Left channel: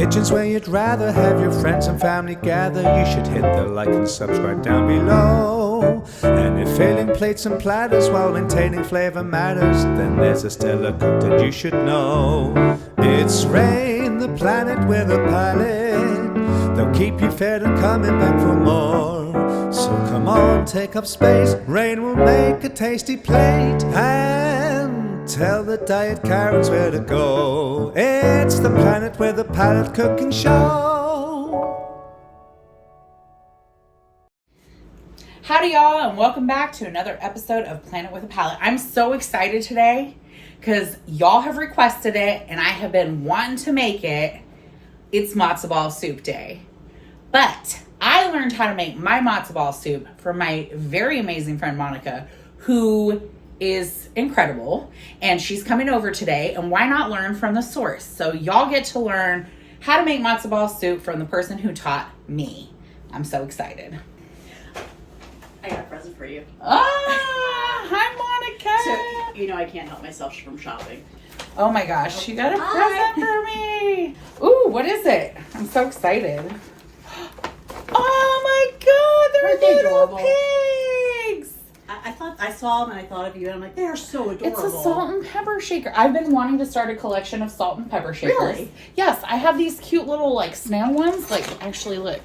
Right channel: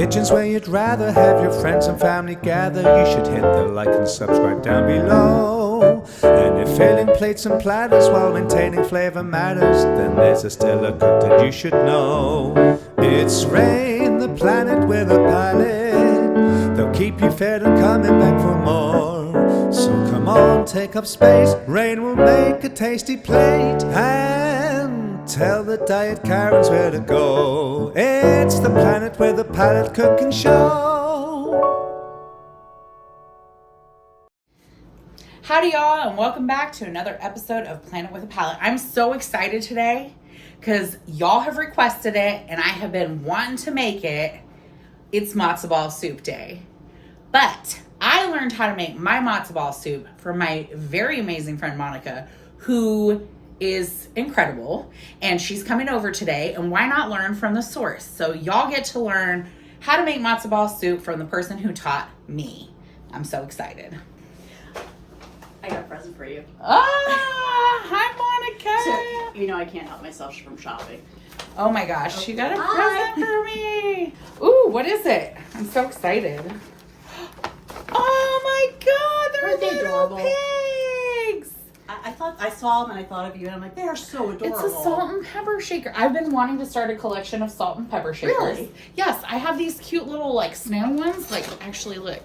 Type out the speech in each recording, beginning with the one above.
kitchen's where you'd rather have your friends and family gather. You should hit the like and subscribe down below. And if filling plates and platters while maintaining flavor matters, then there's a stellar cook that you should know. It's Rain, the planet with a palate. They'll keep you fed and coming back for more. So come on, take up space. Rain will make a tasty plate and tell the diet Karens where to go. It's the planet with a palate cooking show. Howdy y'all, and welcome back to another episode of Planet with a Palate. I'm so excited today because y'all have requested it and I have been wanting to make it. It's Matzo Ball Soup Day. But I learned how to make my matzo ball soup from my very amazing friend Monica, who is incredible, and she's coming over today, and why not learn from the source? So y'all get to learn how to make matzo ball soup from the person who taught me. I'm so excited. I got a present for you. Ah, hi Monica. So, you know I can't help myself from shopping. Oh my gosh, she got a present for me. Ooh, what is it? I'm so excited. Oh my God, they're Aren't they little adorable? pigs. I thought I saw them and I thought of you and I'm like, they are so adorable. It's a salt and pepper shaker. I've been wanting to start a collection of salt and pepper shakers. Really? Yes, I have these cute little like snail ones. Like, actually look.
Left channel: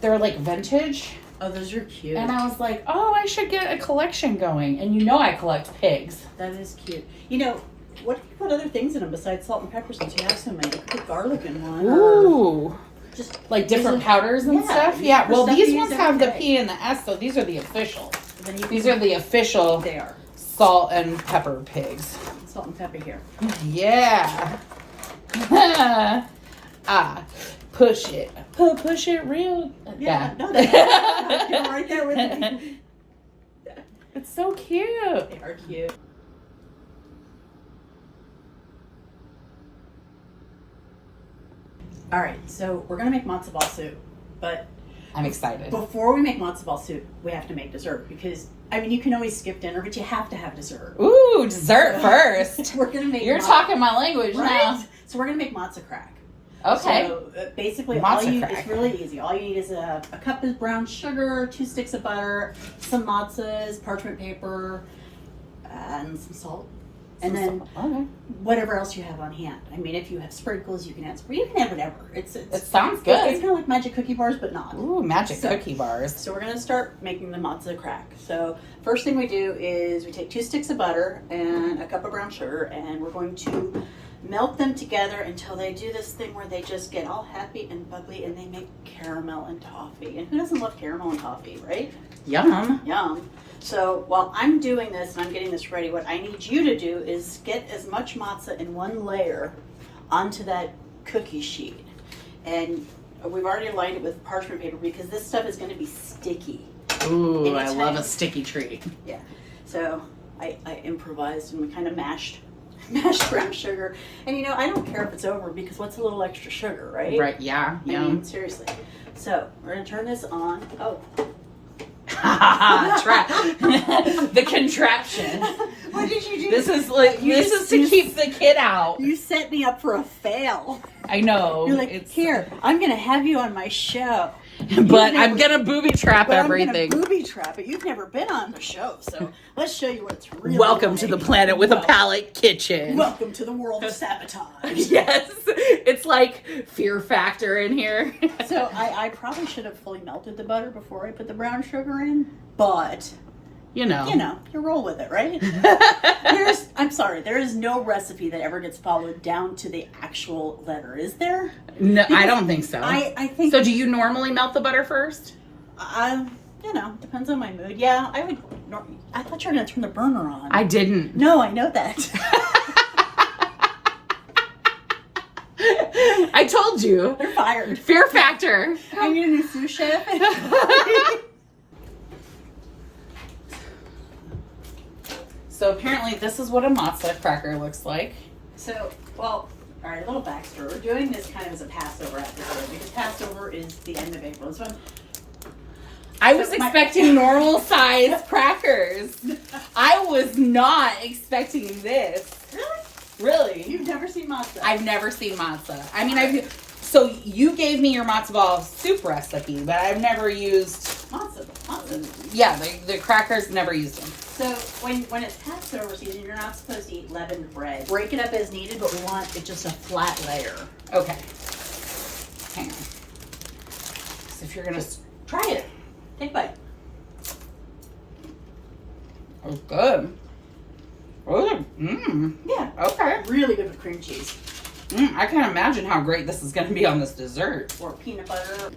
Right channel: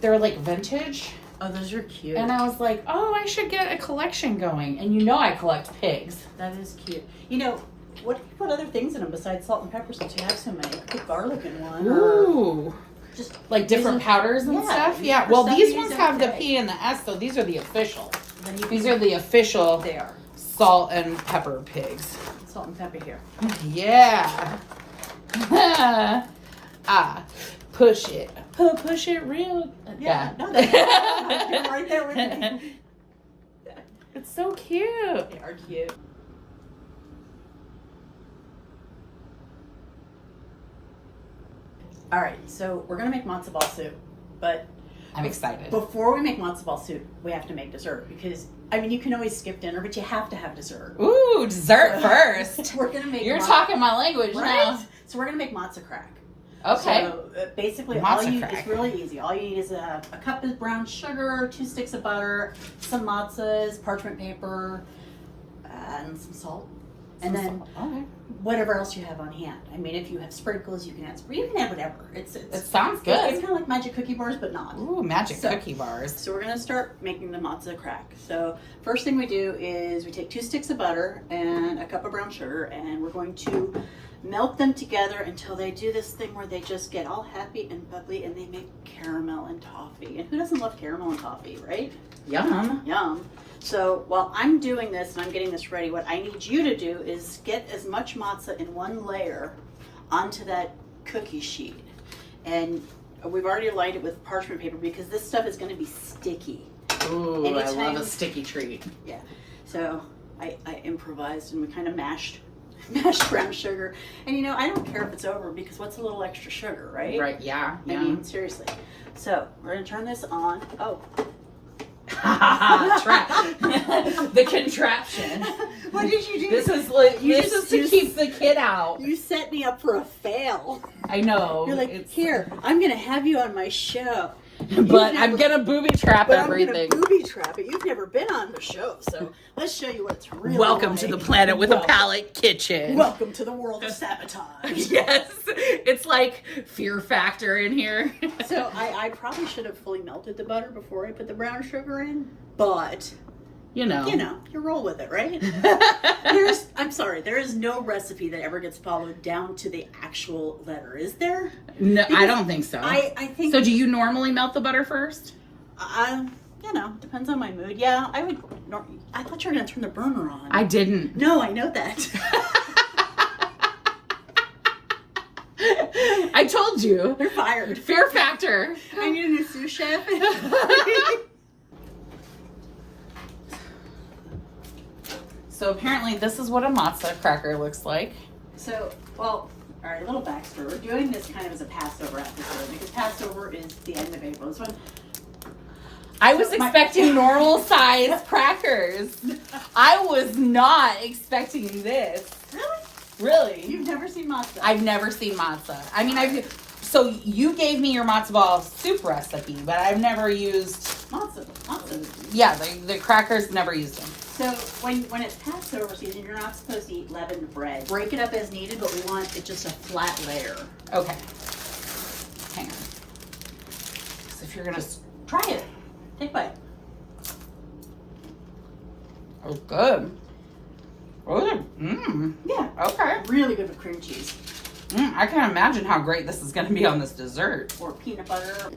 They're like vintage. Oh, those are cute. And I was like, oh, I should get a collection going. And you know I collect pigs. That is cute. You know, what do you put other things in them besides salt and pepper since you have so many? You could put garlic in one. Ooh. Just Like different powders and yeah, stuff? use Yeah. for Well, stuff these you ones use have the every P and the S, so these are the official. then you These can- are the official They are. salt and pepper pigs. Salt and pepper here. Yeah. Push it. Push it real. Yeah. No, they're right there with me. It's so cute. They are cute. All right, so we're gonna make matzo ball soup, but I'm excited. before we make matzo ball soup, we have to make dessert because I mean you can always skip dinner, but you have to have dessert. Ooh, dessert first. We're gonna make. You're talking my language right? now. So we're gonna make Mazto Crack. Okay. So basically, Matzo all you need crack. is really easy. All you need is a cup of brown sugar, 2 sticks of butter, some matzahs, parchment paper, and some salt. And then Okay. whatever else you have on hand. I mean, if you have sprinkles, you can add sprinkles. You can add whatever. It sounds good. It's kind of like magic cookie bars, but not. Ooh, magic So- cookie bars. So we're gonna start making the matzo crack. So first thing we do is we take 2 sticks of butter and a cup of brown sugar, and we're going to melt them together until they do this thing where they just get all happy and bubbly and they make caramel and toffee. And who doesn't love caramel and toffee, right? Yum. Yum. So while I'm doing this and I'm getting this ready, what I need you to do is get as much matzah in one layer onto that cookie sheet. And we've already lined it with parchment paper because this stuff is going to be sticky. Ooh, Anytime- I love a sticky treat. Yeah. So I improvised and we kind of mashed brown sugar. And you know, I don't care if it's over because what's a little extra sugar, right? Right, yeah. I mean, seriously. So we're going to turn this on. Oh. The contraption. What did you do? This is like You this just- is to you keep the kid out. You set me up for a fail. I know. You're like, here, I'm going to have you on my show. But I'm gonna booby trap But I'm everything. going to booby trap it. You've never been on the show, so let's show you what it's really Welcome like. to the Planet with a Palate kitchen. Welcome to the world of sabotage. Yes, it's like Fear Factor in here. So I probably should have fully melted the butter before I put the brown sugar in, but You know, you roll with it, right? I'm sorry, there is no recipe that ever gets followed down to the actual letter, is there? No, I Because don't think so. I think So, do you normally melt the butter first? depends on my mood. Yeah, I would. I thought you were gonna turn the burner on. I didn't. No, I know that. I told you. You're fired. Fear Factor. I need a sous chef. So apparently, this is what a Mazto cracker looks like. So, well, all right, a little backstory. We're doing this kind of as a Passover episode because Passover is the end of April. This one, I was expecting normal size crackers. I was not expecting this. really? Really? You've never seen matzo? I've never seen matzo. I mean, so you gave me your matzo ball soup recipe, but I've never used Matzo. Yeah, the crackers, never used them. So when it's Passover season, you're not supposed to eat leavened bread. Break it up as needed, but we want it just a flat layer. Okay. Hang on. So if you're gonna Try it. Take a bite. Oh, good. Good. Yeah. Okay. Really good with cream cheese. I can't imagine how great this is gonna be on this dessert. Or peanut butter.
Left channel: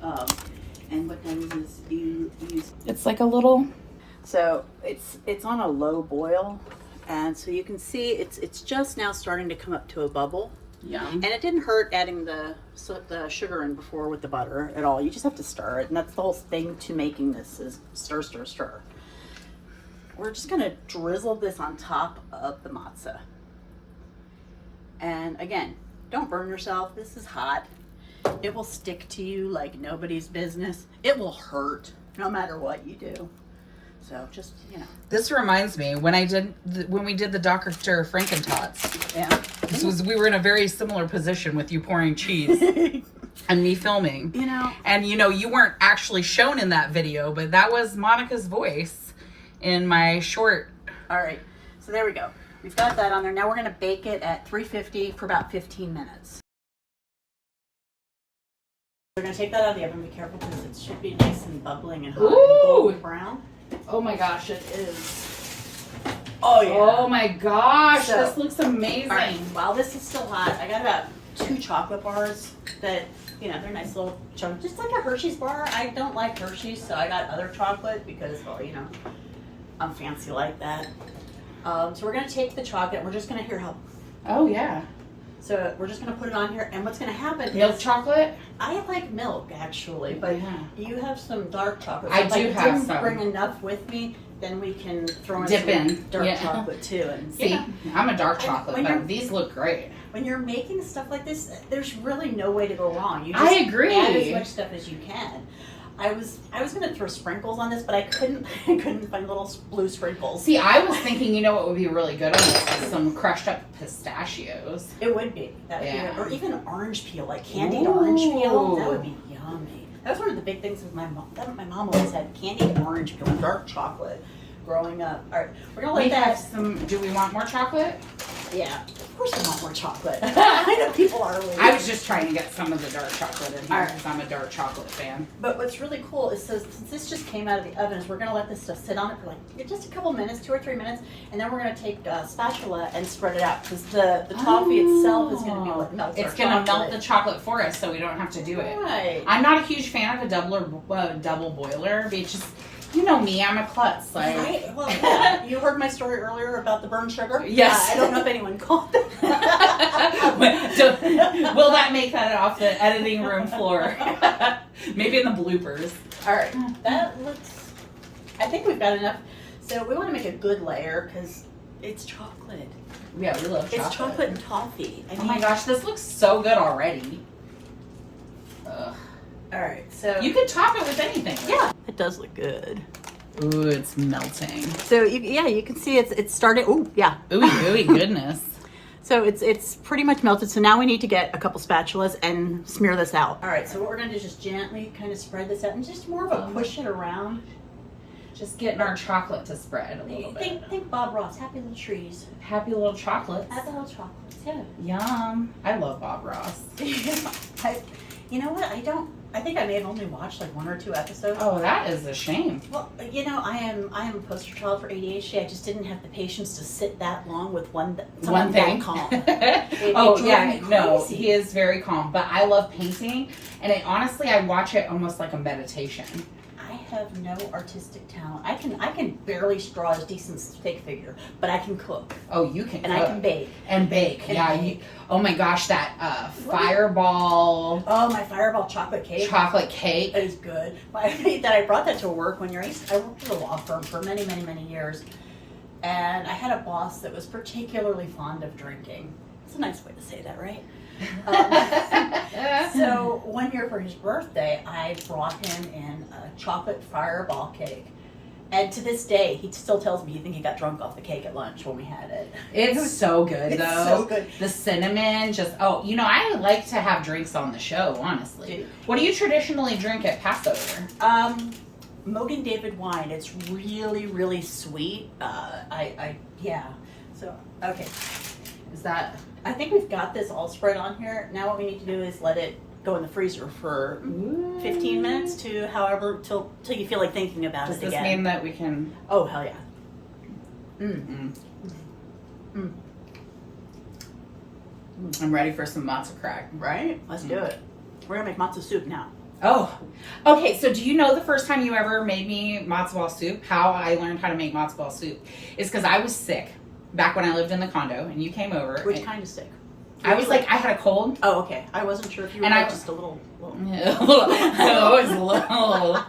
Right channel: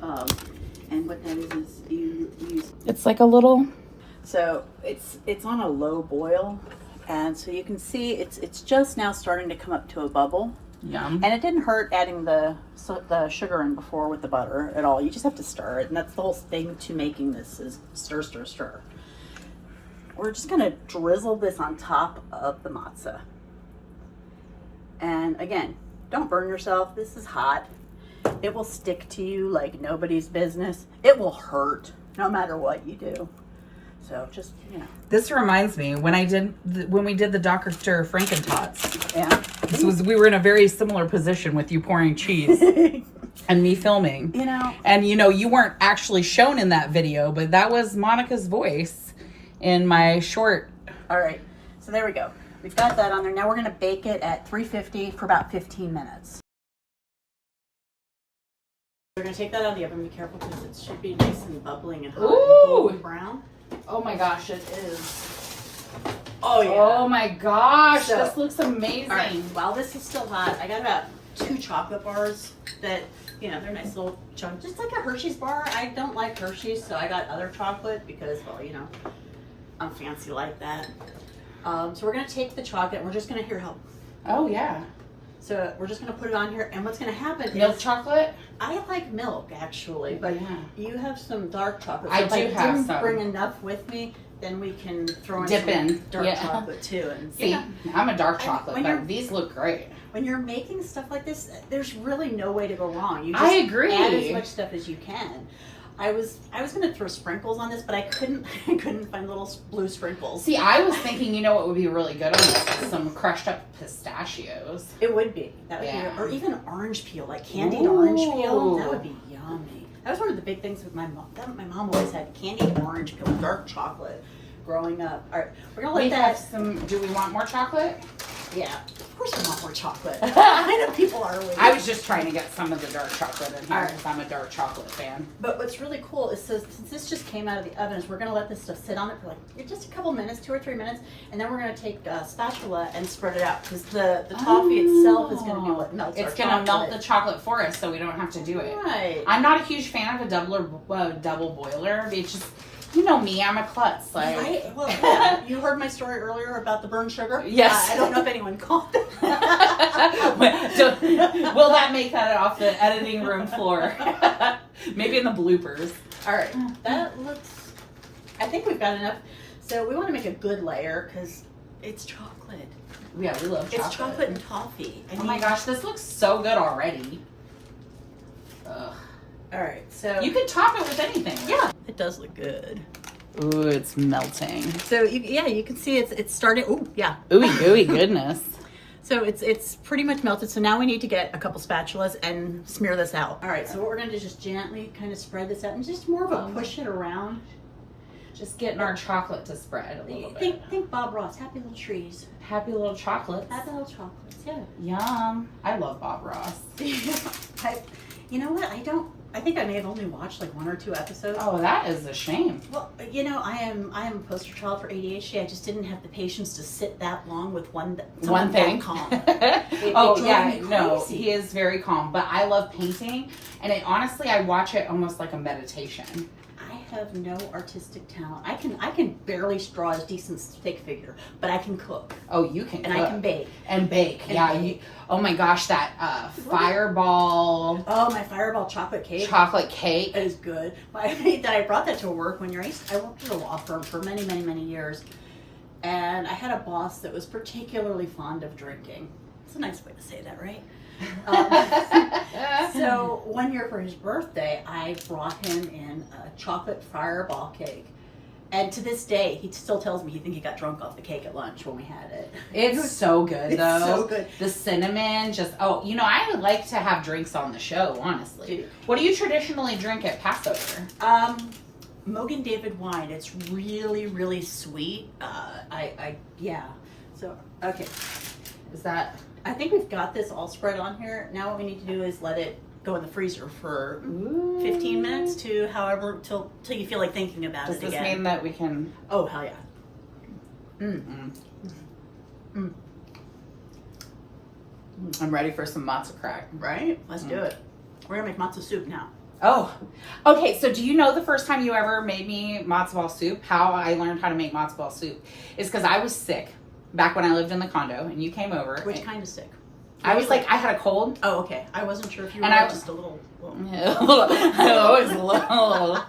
And what that is you use. It's like a little. So it's on a low boil, and so you can see it's just now starting to come up to a bubble. Yum. And it didn't hurt adding the sugar in before with the butter at all. You just have to stir it, and that's the whole thing to making this is stir, stir, stir. We're just gonna drizzle this on top of the matzah. And again, don't burn yourself. This is hot. It will stick to you like nobody's business. It will hurt no matter what you do. So just, This reminds me when we did the Dr. Frankentots. Yeah. We were in a very similar position with you pouring cheese and me filming. And you weren't actually shown in that video, but that was Monica's voice in my short. All right. So there we go. We've got that on there. Now we're going to bake it at 350 for about 15 minutes. We're going to take that out of the oven. Be careful because it should be nice and bubbling and hot and golden brown. Oh my gosh, it is. Oh yeah. Oh my gosh, So, this looks amazing. All right. While this is still hot, I got about 2 chocolate bars that, they're nice little chunks. Just like a Hershey's bar. I don't like Hershey's, so I got other chocolate because, I'm fancy like that. So we're going to take the chocolate and we're just going to help. Oh yeah. So we're just going to put it on here, and what's going to happen Milk is chocolate? I like milk actually, but Yeah. you have some dark chocolate. I if do I have didn't some. bring enough with me, then we can throw in Dip some in. dark Yeah. chocolate too. And See, I'm a dark chocolate, when but you're- these look great. when you're making stuff like this, there's really no way to go wrong. You just I agree. add as much stuff as you can. I was going to throw sprinkles on this, but I couldn't find little blue sprinkles. See, I was thinking, what would be really good on this is some crushed up pistachios. It would be. That would Yeah. be, or even orange peel, like candied orange peel. That would be yummy. That was one of the big things with my mom. My mom always had candied orange peel, dark chocolate, growing up. All right, we're gonna let We that. have some. Do we want more chocolate? Yeah, of course we want more chocolate. I know people are. I was just trying to get some of the dark chocolate in here All right. because I'm a dark chocolate fan. But what's really cool is since this just came out of the oven, is we're gonna let this stuff sit on it for like just a couple minutes, 2 or 3 minutes, and then we're gonna take a spatula and spread it out because the toffee itself is gonna be what melts. It's our gonna chocolate. melt the chocolate for us, so we don't have to do it. Right. I'm not a huge fan of a double boiler. It's just, me, I'm a klutz. Like, Right. Well, yeah. You heard my story earlier about the burnt sugar. Yes. I don't know if anyone caught that. Will that make that off the editing room floor? Maybe in the bloopers. All right. That looks. I think we've got enough. So we want to make a good layer because it's chocolate. Yeah, we love chocolate. It's chocolate and toffee. Oh my gosh, this looks so good already. Ugh. All right. So You could top it with anything. Yeah, it does look good. Ooh, it's melting. So you can see it's starting. Oh yeah. Ooey goodness. So it's pretty much melted. So now we need to get a couple spatulas and smear this out. All right. So what we're going to do is just gently kind of spread this out and just more of a push it around. Just getting our chocolate to spread a little bit. Think Bob Ross, Happy Little Trees. Happy little chocolates. Happy Little Chocolates. Yeah. Yum. I love Bob Ross. You know what? I think I may have only watched like 1 or 2 episodes. Oh, that is a shame. Well, I am a poster child for ADHD. I just didn't have the patience to sit that long with one thing. That calm. It Oh drove yeah, me no, crazy. he is very calm. But I love painting, and honestly, I watch it almost like a meditation. I have no artistic talent. I can barely draw a decent stick figure, but I can cook Oh, you can and cook. I can bake. And bake. And Yeah. bake. Oh my gosh, that fireball Oh, my fireball chocolate cake. chocolate cake. Is good. I brought that to work when I worked at a law firm for many, many, many years. And I had a boss that was particularly fond of drinking. It's a nice way to say that, right? So one year for his birthday, I brought him in a chocolate fireball cake. And to this day, he still tells me he think he got drunk off the cake at lunch when we had it. It's so good, It's though. so good. The cinnamon, I like to have drinks on the show, honestly. Dude. What do you traditionally drink at Passover? Mogan David wine. It's really, really sweet. Yeah. So, okay. Is that... I think we've got this all spread on here. Now what we need to do is let it go in the freezer for 15 minutes to however, till you feel like thinking about Does it this again. mean that we can... Oh, hell yeah. I'm ready for some matzo crack. Right? Let's do it. We're going to make matzo soup now. Oh, okay. So do you know the first time you ever made me matzo ball soup? How I learned how to make matzo ball soup is because I was sick back when I lived in the condo, and you came over. Which kind of sick? I was like, I had a cold. Oh, okay. I wasn't sure if you were just a little. Yeah, I was a little.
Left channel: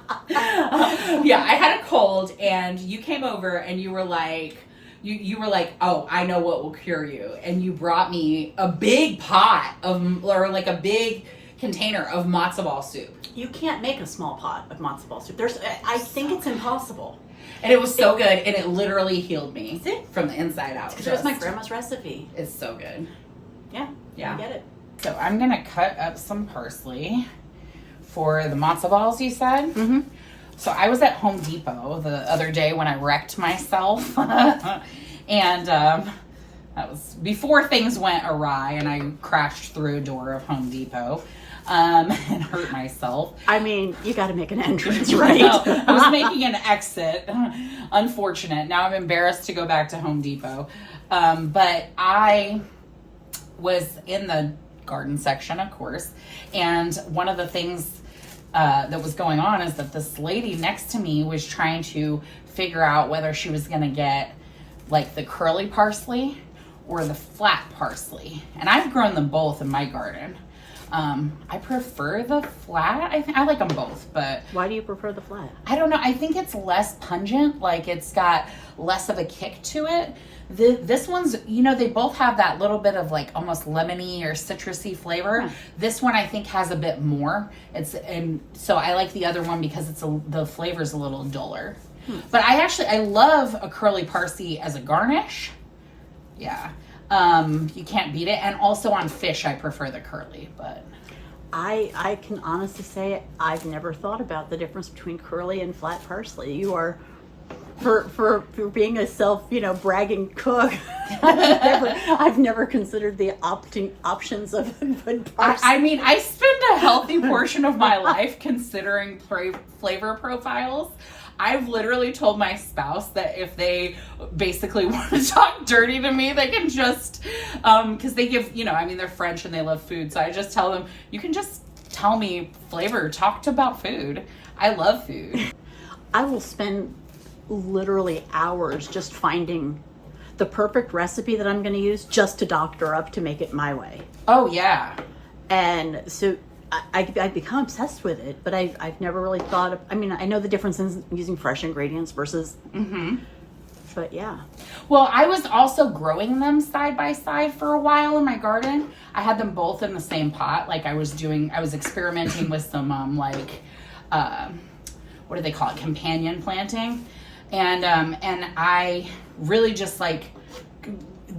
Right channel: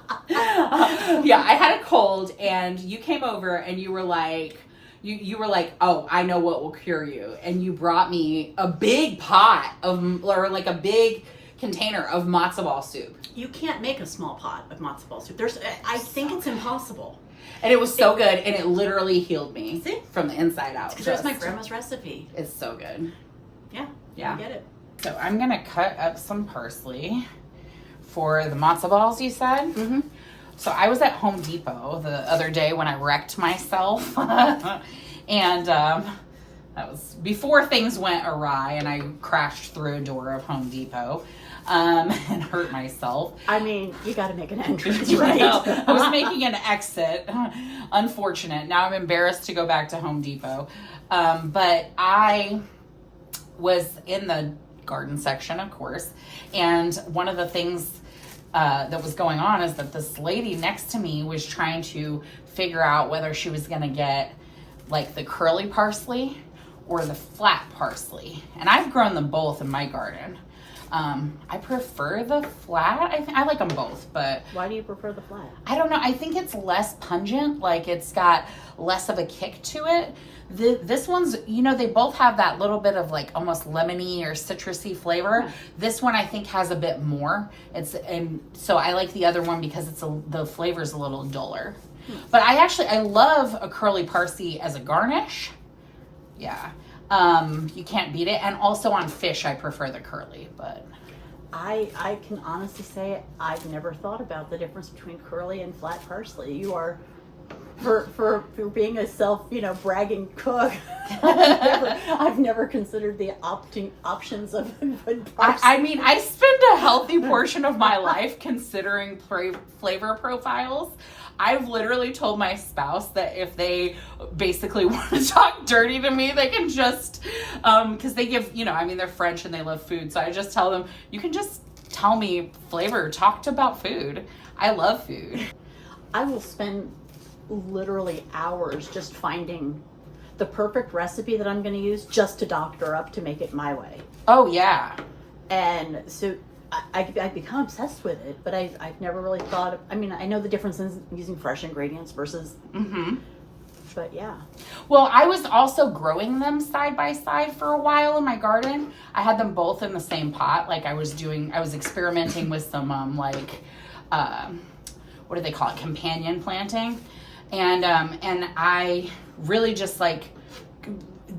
Yeah, I had a cold, and you came over, and you were like, you were like, oh, I know what will cure you, and you brought me a big pot a big container of matzo ball soup. You can't make a small pot of matzo ball soup. I think it's impossible. And it was so good, and it literally healed me See? from the inside out. Because it was my grandma's recipe. It's so good. Yeah, I get it. So I'm gonna cut up some parsley for the matzo balls. You said. Mm-hmm. So I was at Home Depot the other day when I wrecked myself, and that was before things went awry, and I crashed through a door of Home Depot. And hurt myself. I mean, you got to make an entrance, right? I was making an exit. Unfortunate. Now I'm embarrassed to go back to Home Depot. But I was in the garden section, of course, and one of the things that was going on is that this lady next to me was trying to figure out whether she was going to get like the curly parsley or the flat parsley. And I've grown them both in my garden. I prefer the flat. I like them both, but... Why do you prefer the flat? I don't know. I think it's less pungent. Like, it's got less of a kick to it. This one's, they both have that little bit of, like, almost lemony or citrusy flavor. This one, I think, has a bit more. And so I like the other one because the flavor's a little duller. But I love a curly parsley as a garnish. Yeah. You can't beat it. And also on fish, I prefer the curly, but... I can honestly say I've never thought about the difference between curly and flat parsley. You are, for being a bragging cook, I've never considered the options of good parsley. I mean, I spend a healthy portion of my life considering flavor profiles. I've literally told my spouse that if they basically want to talk dirty to me, they can just, because they give, they're French and they love food. So I just tell them, you can just tell me flavor, talk about food. I love food. I will spend literally hours just finding the perfect recipe that I'm going to use just to doctor up to make it my way. Oh, yeah. And so... I've become obsessed with it, but I've never really thought of, I know the difference in using fresh ingredients versus, but yeah. Well, I was also growing them side by side for a while in my garden. I had them both in the same pot. Like I was experimenting with some, what do they call it? Companion planting. And I really just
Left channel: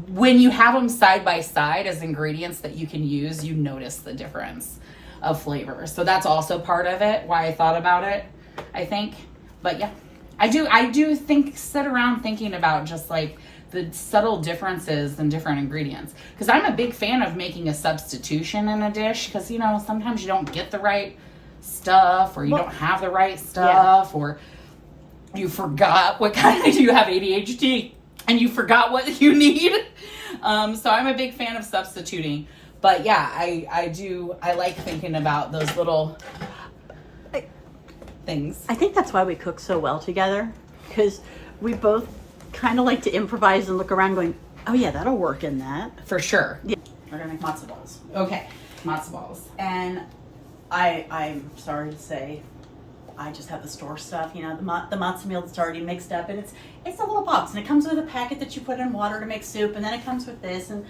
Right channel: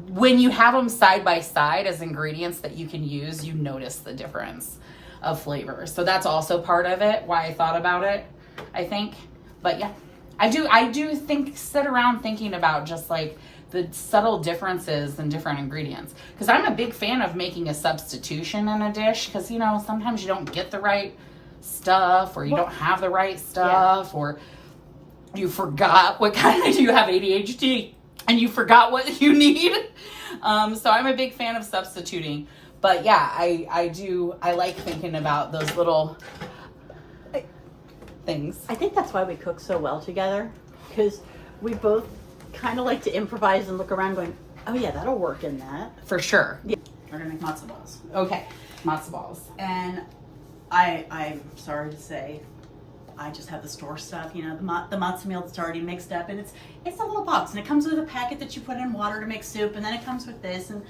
when you have them side by side as ingredients that you can use, you notice the difference of flavor. So that's also part of it, why I thought about it, I think. But yeah, I do sit around thinking about just like the subtle differences in different ingredients. Because I'm a big fan of making a substitution in a dish, because sometimes you don't get the right stuff, or you don't have the right stuff, or you forgot what kind of, you have ADHD and you forgot what you need. So I'm a big fan of substituting. But yeah, I like thinking about those little things. I think that's why we cook so well together, because we both kind of like to improvise and look around going, oh yeah, that'll work in that. For sure. Yeah. We're gonna make matzo balls. Okay. Matzo balls. And I'm sorry to say, I just have the store stuff, the matzo meal that's already mixed up, and it's a little box, and it comes with a packet that you put in water to make soup, and then it comes with this, and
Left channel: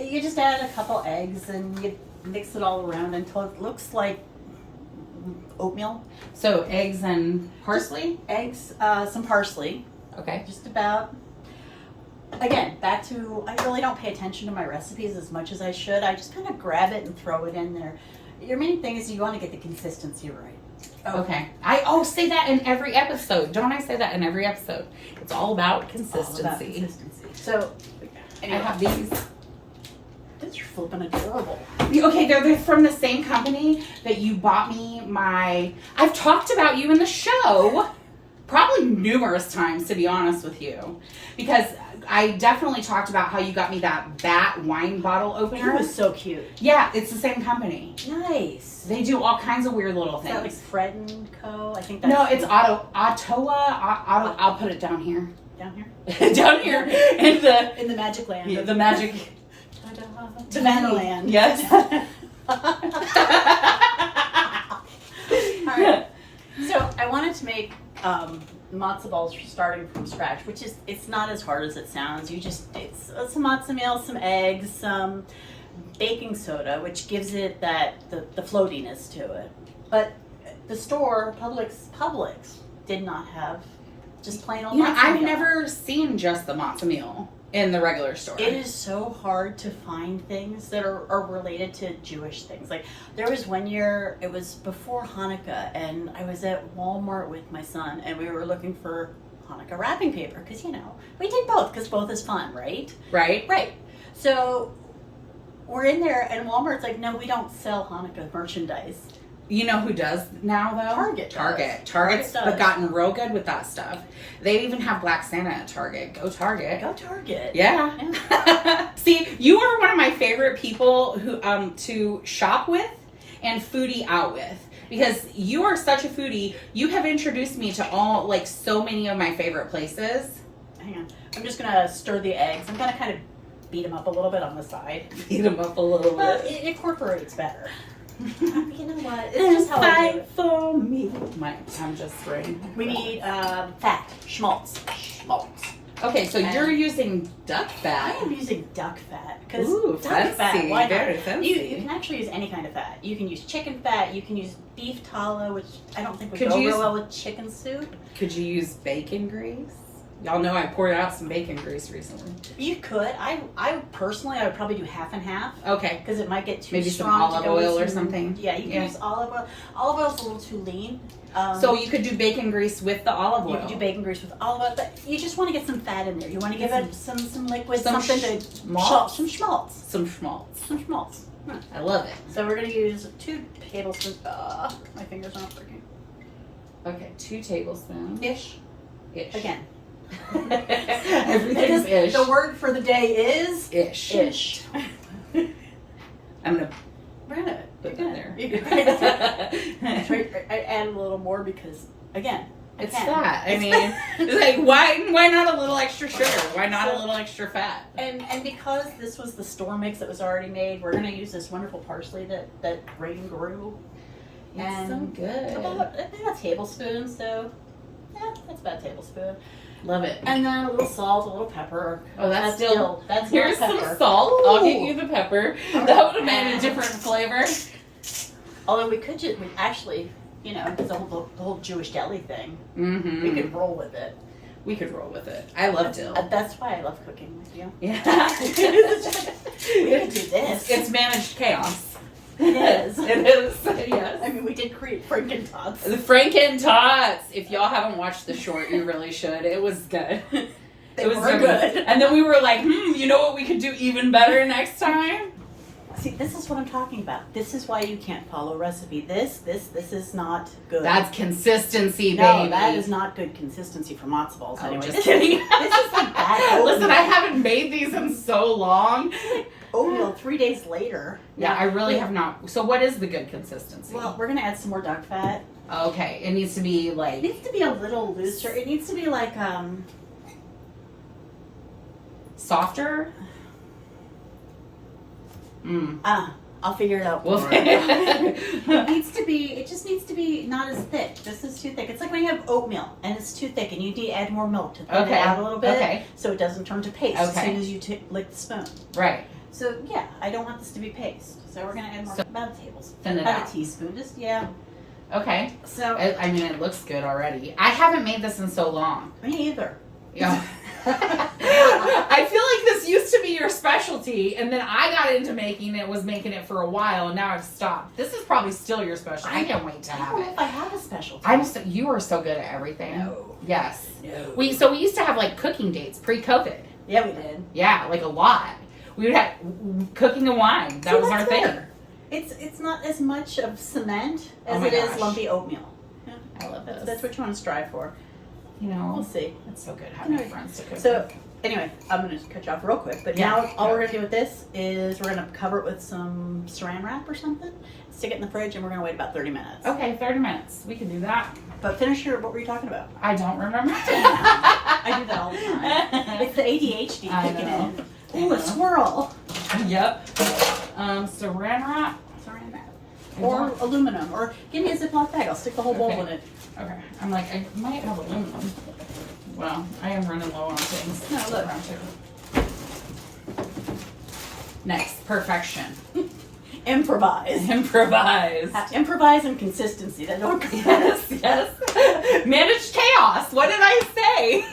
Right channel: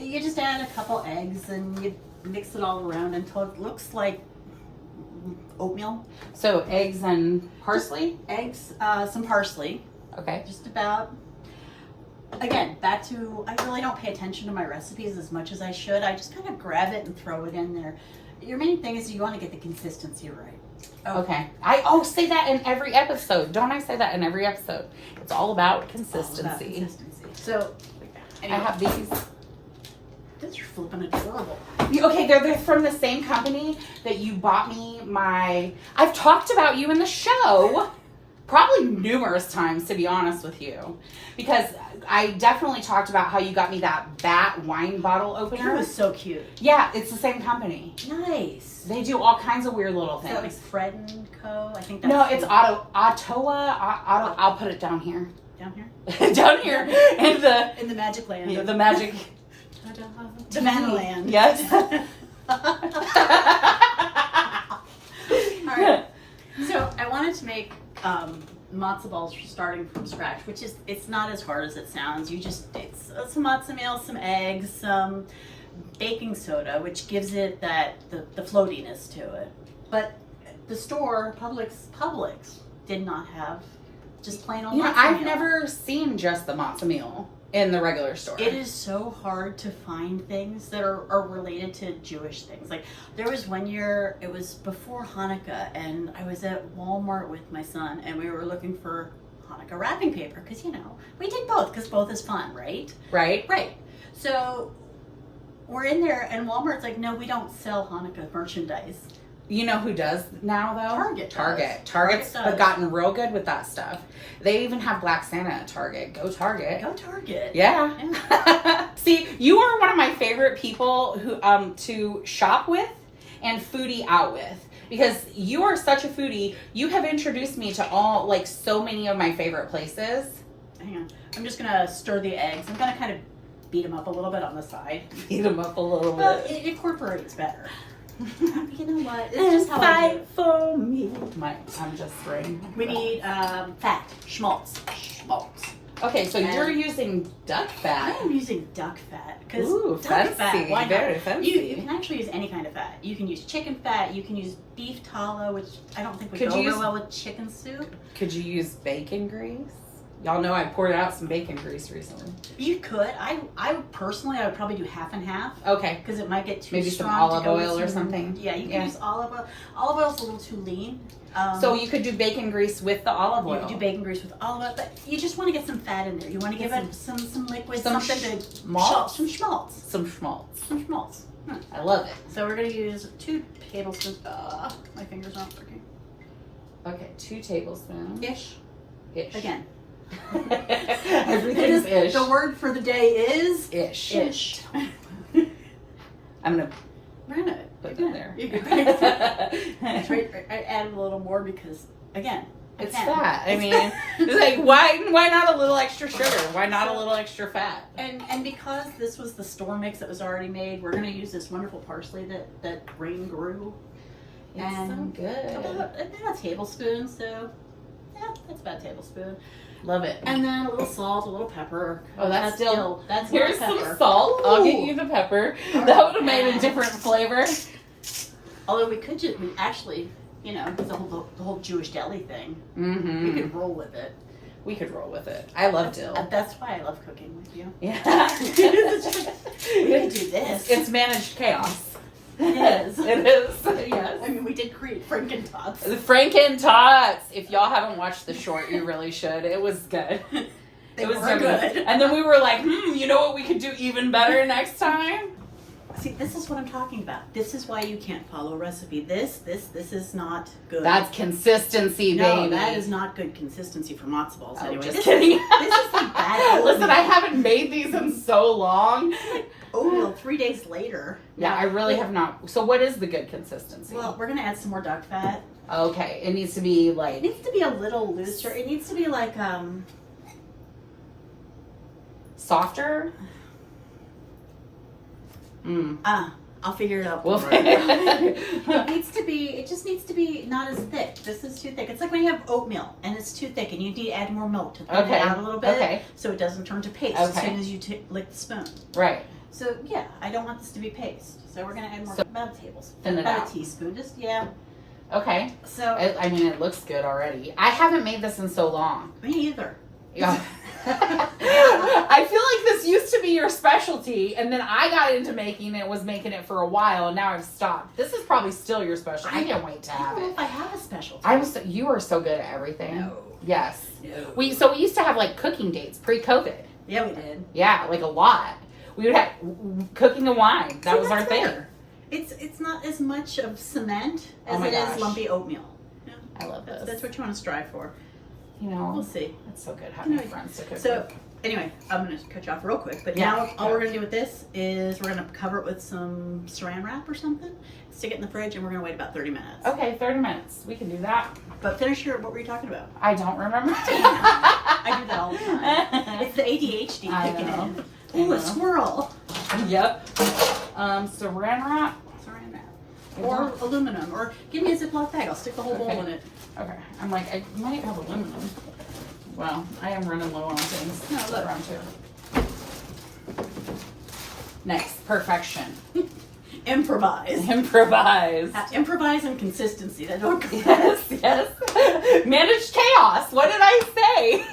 you just add a couple eggs and you mix it all around until it looks like oatmeal. So eggs and parsley? Eggs, some parsley. Okay. Just about. Again, back to, I really don't pay attention to my recipes as much as I should. I just kind of grab it and throw it in there. Your main thing is you want to get the consistency right. Okay. I say that in every episode. Don't I say that in every episode? It's all about consistency. All about consistency. So, anyway, I have these. These are flipping adorable. Okay, they're from the same company that you bought me I've talked about you in the show probably numerous times, to be honest with you, because I definitely talked about how you got me that bat wine bottle opener. It was so cute. Yeah, it's the same company. Nice. They do all kinds of weird little Is things. that like Fred and Co? I think that's No, it's Ottawa. I'll put it down here. down here. Down here in In the magic land. the magic. Savannah land. Yes. All right. So I wanted to make matzo balls starting from scratch, which is, it's not as hard as it sounds. It's some matzo meal, some eggs, some baking soda, which gives it the floatiness to it. But the store, Publix did not have just plain old matzo I've meal. never seen just the matzo meal in the regular store. It is so hard to find things that are related to Jewish things. Like, there was one year, it was before Hanukkah, and I was at Walmart with my son, and we were looking for Hanukkah wrapping paper, because, we did both, because both is fun, right? Right? Right. So, we're in there, and Walmart's like, no, we don't sell Hanukkah merchandise. You know who does now, though? Target's Target's gotten real good with that stuff. They even have Black Santa at Target. Go Target. Go Target. Yeah. See, you are one of my favorite people who to shop with and foodie out with, because you are such a foodie. You have introduced me to so many of my favorite places. Hang on. I'm just going to stir the eggs. I'm going to kind of beat them up a little bit on the side. Beat them up a little bit. It incorporates better. You know what? It's just how I do it. For me. I'm just spraying. We need fat, schmaltz. Okay, so you're using duck I fat. am using duck fat because Ooh, duck fat. Why very not? fancy. You can actually use any kind of fat. You can use chicken fat. You can use beef tallow, which I don't think would Could go you real use- well with chicken soup. Could you use bacon grease? Y'all know I poured out some bacon grease recently. You could. I personally, I would probably do half and half. Okay. Because it might get too Maybe some strong. olive to go with oil or some- something. Yeah, you can use olive oil. Olive oil's a little too lean. So you could do bacon grease with the olive oil. You can do bacon grease with olive oil, but you just want to get some fat in there. You want to give it some liquid, some something to schmaltz? some schmaltz. Some schmaltz. Some schmaltz. I love it. So we're going to use 2 tablespoons. My fingers aren't working. Okay, 2 tablespoons. Ish. Ish. Again. Everything's ish. The word for the day is Ish. ish. I'm gonna We're gonna put that there. I added a little more because, again, It's fat. I mean, it's like why not a little extra sugar? Why not a little extra fat? And because this was the store mix that was already made, we're gonna use this wonderful parsley that Rain grew. It's so good. About a tablespoon, so yeah, that's about a tablespoon. Love it. And then a little salt, a little pepper. Oh, that's dill. That's Here's pepper. some salt. I'll get Ooh. you the pepper. All That right. would have made a different flavor. Although we actually, because the whole Jewish deli thing, Mm-hmm. we could roll with it. We could roll with it. I love dill. That's why I love cooking with you. Yeah. We could do this. It's managed chaos. It is. It is. Yes. I mean, we did create Franken Tots. The Franken Tots. If y'all haven't watched the short, you really should. It was good. They It was were so good. And then we were like, you know what we could do even better next time? See, this is what I'm talking about. This is why you can't follow a recipe. This is not good. That's consistency, no, baby. that is not good consistency for matzo balls. Oh, Anyway, just this kidding. is like bad oatmeal. Listen, I haven't made these in so long. Oatmeal 3 days later. Yeah, I really have not. So what is the good consistency? Well, we're gonna add some more duck fat. Okay, it needs to be It like needs to be a little looser. It needs to be like softer. I'll figure it out. Well, for you. It just needs to be not as thick. This is too thick. It's like when you have oatmeal and it's too thick and you need to add more milk to thin it Okay. out a little bit Okay. so it doesn't turn to paste as Okay. soon as you lick the spoon. Right. So yeah, I don't want this to be paste. So we're gonna add more, about a tablespoon, Thin it about out. a teaspoon. Just Okay. So I mean, it looks good already. I haven't made this in so long. me either. Yeah. I feel like this used to be your specialty, and then I got into making it for a while, and now I've stopped. This is probably still your specialty. I can't wait to I have don't know it. if I have a specialty. You are so good at everything. No. Yes. No. We used to have like cooking dates pre-COVID. Yeah, we did. Yeah, like a lot. We would have cooking and wine. That was our thing. Fair. It's not as much of cement as my it is gosh. lumpy oatmeal. Yeah. I love this. That's what you want to strive for. You know, We'll see. it's so good having friends to cook. So anyway, I'm going to cut you off real quick. But Yeah. now all we're going to do with this is we're going to cover it with some saran wrap or something. Stick it in the fridge, and we're going to wait about 30 minutes. Okay, 30 minutes. We can do that. But finish what were you talking about? I don't remember. I do that all the time. It's the ADHD I kicking know. in. Ooh, a swirl. Yep. Saran wrap. Saran wrap. Or aluminum. Or give me a Ziploc bag. I'll stick the whole bowl Okay. in it. Okay. I'm like, I might have aluminum. Well, I am running low on things. No, look. Around here. Nice. Perfection. Improvise. Improvise. Improvise and consistency. That don't go. Yes, yes. Manage chaos. What did I say?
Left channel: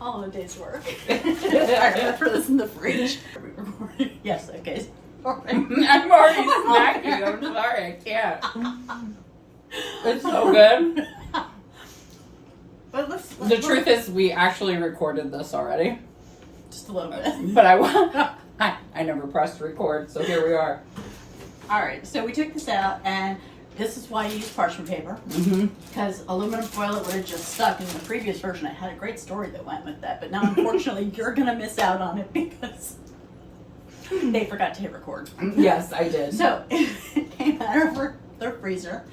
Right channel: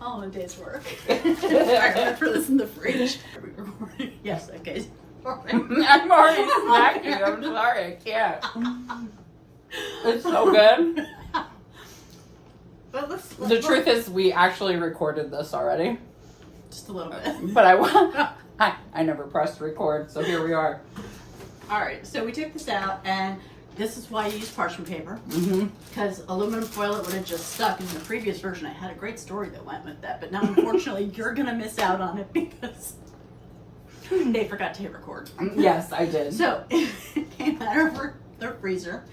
All in a day's work. I remember this in the fridge. Yes, okay. Sorry. I'm already snacking. I'm sorry. I can't. It's so good. But The truth is, we actually recorded this already. just a little bit. But I never pressed record, so here we are. All right, so we took this out, and this is why you use parchment paper, Mm-hmm. because aluminum foil it would have just stuck. In the previous version, I had a great story that went with that, but now unfortunately you're gonna miss out on it because they forgot to hit record. Yes, I did. So it came out of the freezer,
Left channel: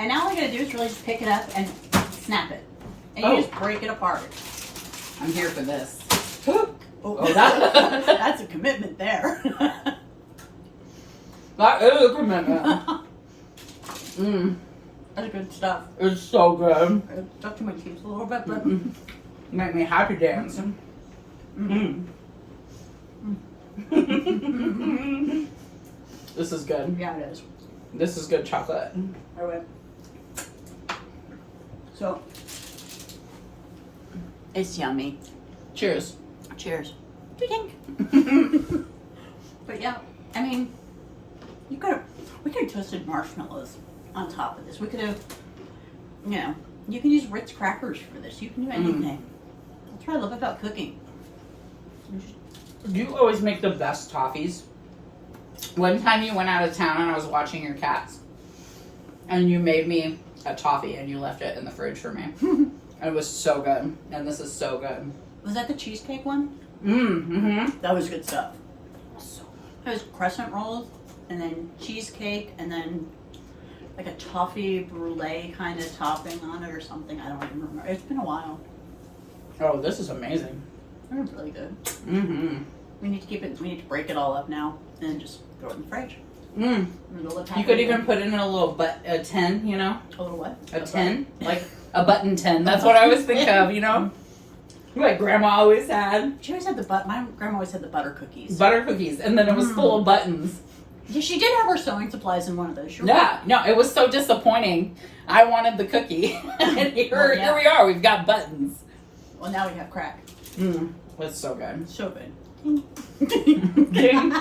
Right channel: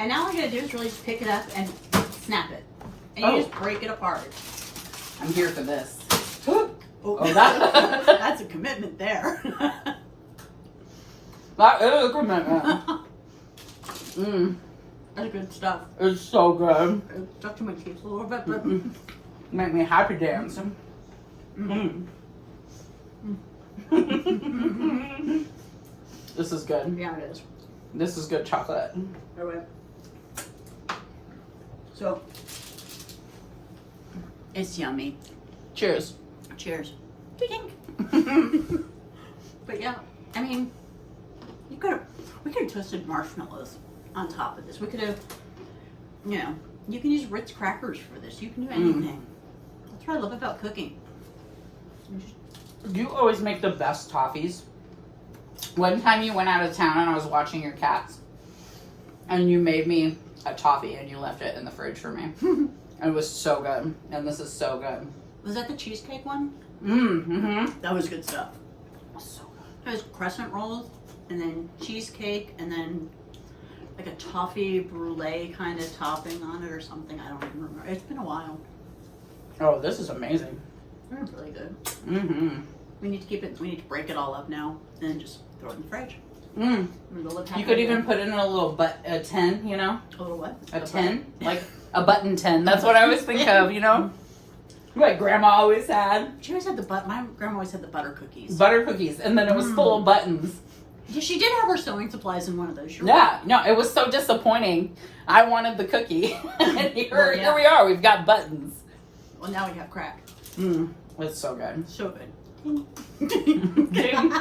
and now all you gotta do is really just pick it up and snap it, and you just break it apart. I'm here for this. Oh, that- that's a commitment there. That is a commitment. That's good stuff. It's so good. It stuck to my cheeks a little bit, but Make me happy dancing. This is good. yeah, it is. This is good chocolate. All right. So it's yummy. Cheers. Cheers. But yeah, I mean, we could have toasted marshmallows on top of this. We could have, you can use Ritz crackers for this. You can do anything. That's what I love about cooking. You always make the best toffees. One time you went out of town and I was watching your cats, and you made me a toffee and you left it in the fridge for me. It was so good, and this is so good. Was that the cheesecake one? Mm-hmm. That was good stuff. So It was crescent rolls, and then cheesecake, and then like a toffee brulee kind of topping on it or something. I don't even remember. It's been a while. Oh, this is amazing. They're really good. Mm-hmm. We need to keep it. We need to break it all up now, and then just throw it in the fridge. Mm. You could even put in a little a tin, you know? a little what? A tin? Like a button tin. That's what I was thinking of, you know? Like Grandma always had. She always had my grandma always had the butter cookies. Butter cookies. And then it was full of buttons. Yeah, she did have her sewing supplies in one of those. Sure. Yeah. No, it was so disappointing. I wanted the cookie. And here we are. We've got buttons. Well, now we have crack. It's so good. So good. Ding.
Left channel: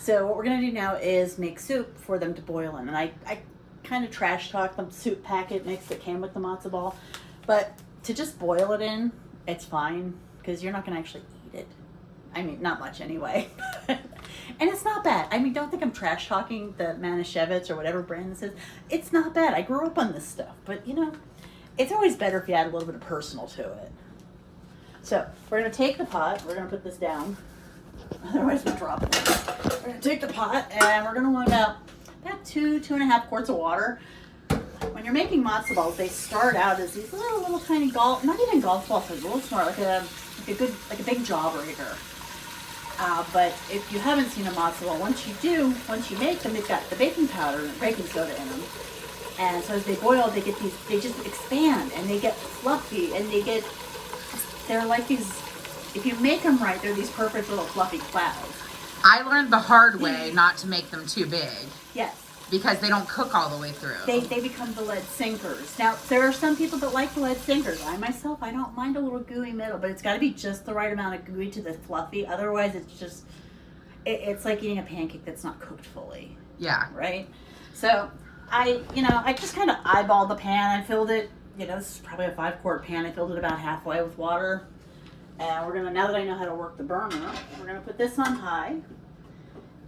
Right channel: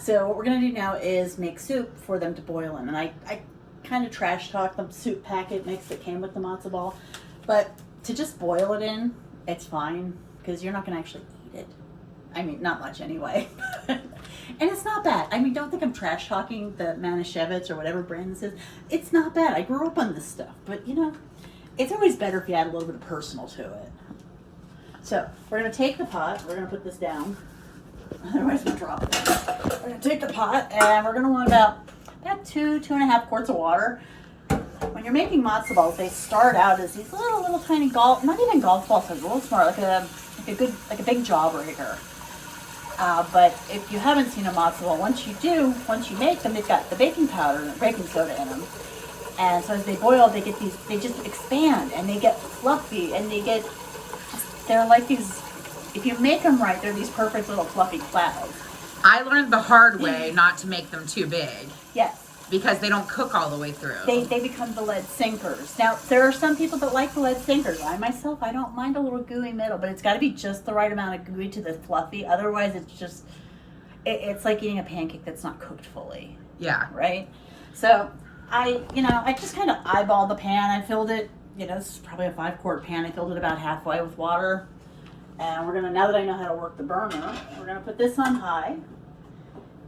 So what we're gonna do now is make soup for them to boil in, and I kind of trash talk the soup packet mix that came with the matzo ball, but to just boil it in, it's fine because you're not gonna actually eat it. I mean, not much anyway. And it's not bad. I mean, don't think I'm trash talking the Manischewitz or whatever brand this is. It's not bad. I grew up on this stuff, but it's always better if you add a little bit of personal to it. So we're gonna take the pot. We're gonna put this down. Otherwise, we drop it. We're gonna take the pot, and we're gonna want about 2.5 quarts of water. When you're making matzo balls, they start out as these little tiny not even golf balls, a little smaller, like a big jawbreaker. But if you haven't seen a matzo ball, once you make them, they've got the baking powder and baking soda in them. And so as they boil, they just expand and they get fluffy and they're like these. If you make them right, they're these perfect little fluffy clouds. I learned the hard way not to make them too big. Yes. because they don't cook all the way through. They become the lead sinkers. Now, there are some people that like the lead sinkers. I myself, I don't mind a little gooey middle, but it's got to be just the right amount of gooey to the fluffy. Otherwise, it's just, it's like eating a pancake that's not cooked fully. Yeah. Right? So, I just kind of eyeballed the pan. I filled it, this is probably a 5-quart pan. I filled it about halfway with water. And we're going to, now that I know how to work the burner, we're going to put this on high.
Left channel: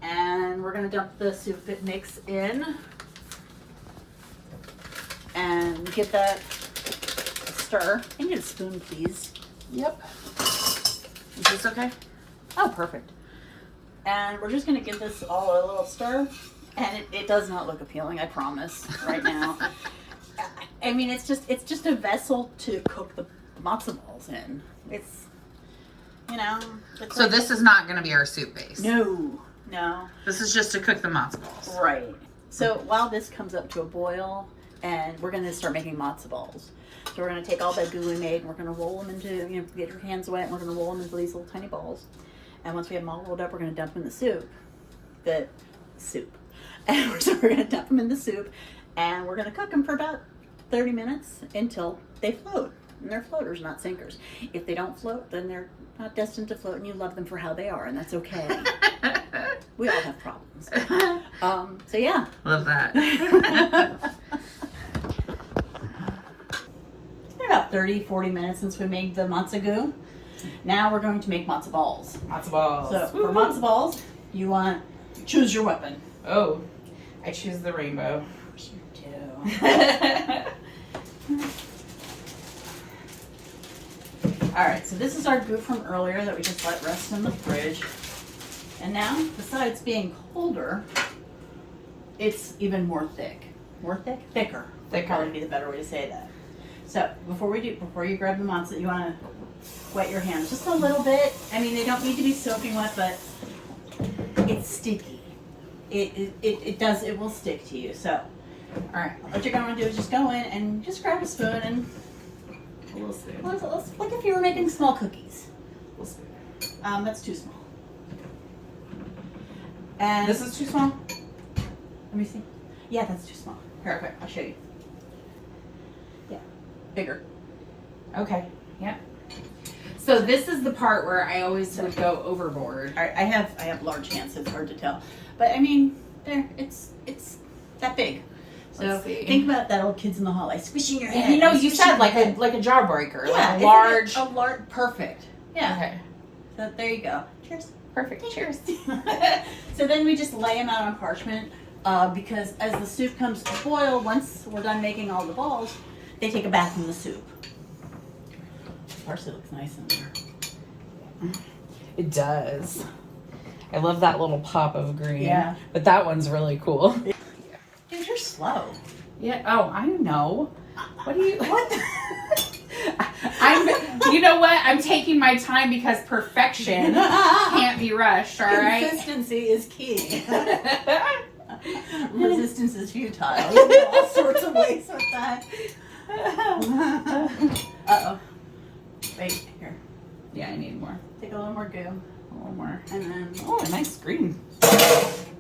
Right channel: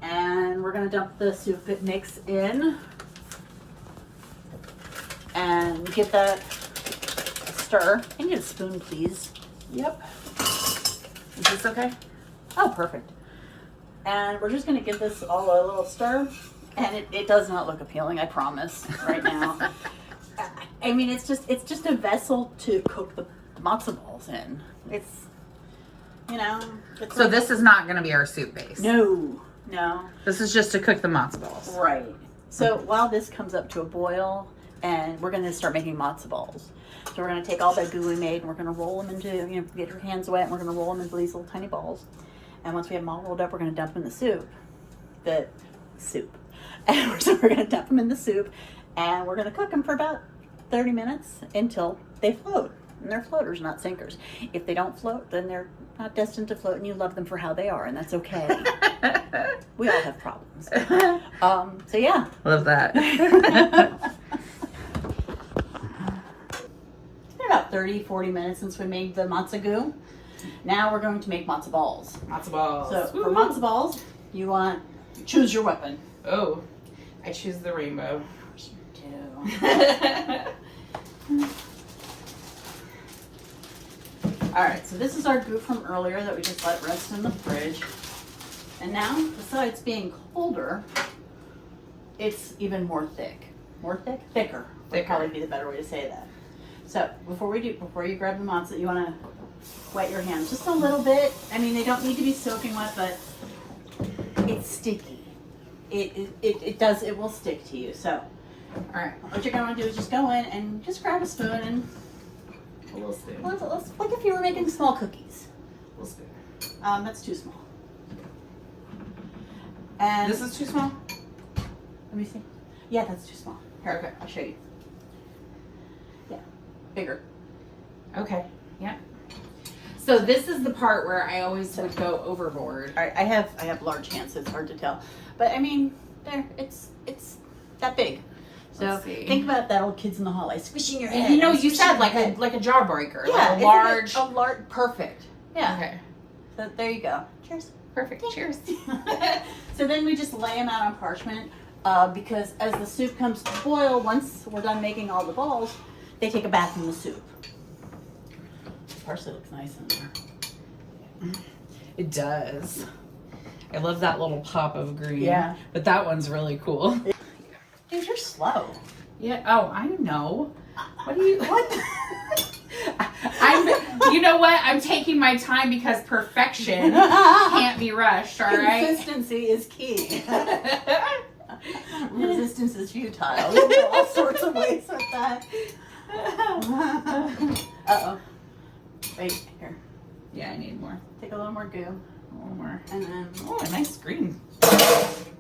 And we're going to dump the soup mix in. And give that a stir. I need a spoon, please. Yep. Is this okay? Oh, perfect. And we're just going to give this all a little stir. And it does not look appealing, I promise, right now. I mean, it's just a vessel to cook the matzo balls in. It's, so this is not going to be our soup base. No. This is just to cook the matzo balls. Right. So while this comes up to a boil, and we're going to start making matzo balls. So we're going to take all that goo we made, and we're going to roll them into, get your hands wet, and we're going to roll them into these little tiny balls. And once we have them all rolled up, we're going to dump them in the soup. And so we're going to dump them in the soup, and we're going to cook them for about 30 minutes until they float. And they're floaters, not sinkers. If they don't float, then they're not destined to float, and you love them for how they are, and that's okay. We all have problems. So yeah. Love that. It's been about 30-40 minutes since we made the matzo goo. Now we're going to make matzo balls. Matzo balls. So for matzo balls, you want choose your weapon. Oh, I choose the rainbow. All right, so this is our goo from earlier that we just let rest in the fridge. And now, besides being colder, it's even more thick. More thick? Thicker. Would probably be the better way to say that. So before you grab the matzo, you want to wet your hands just a little bit. I mean, they don't need to be soaking wet, but it's sticky. It will stick to you. So, all right, what you're going to do is just go in and just grab a spoon and A little spoon. like if you were making small cookies. A little spoon. That's too small. And This is too small? let me see. Yeah, that's too small. Perfect. I'll show you. Yeah, bigger. Okay. Yep. So this is the part where I always would go overboard. All right, I have large hands, so it's hard to tell. But I mean, it's that big. So Let's see. think about that old Kids in the Hall, like squishing your head. You said like a jawbreaker, yeah, like a large. perfect. Yeah. Okay. So there you go. Cheers. Perfect. Cheers. So then we just lay them out on parchment because as the soup comes to boil, once we're done making all the balls, they take a bath in the soup. Parsley looks nice in there. It does. I love that little pop of green. Yeah. But that one's really cool. Dude, you're slow. Yeah. Oh, I know. What do you? What? You know what? I'm taking my time because perfection can't be rushed. All right. Consistency is key. Resistance is futile. There's all sorts of ways with that. Uh-oh. Wait, here. Yeah, I need more. Take a little more goo. A little more. And then, Oh, a nice green.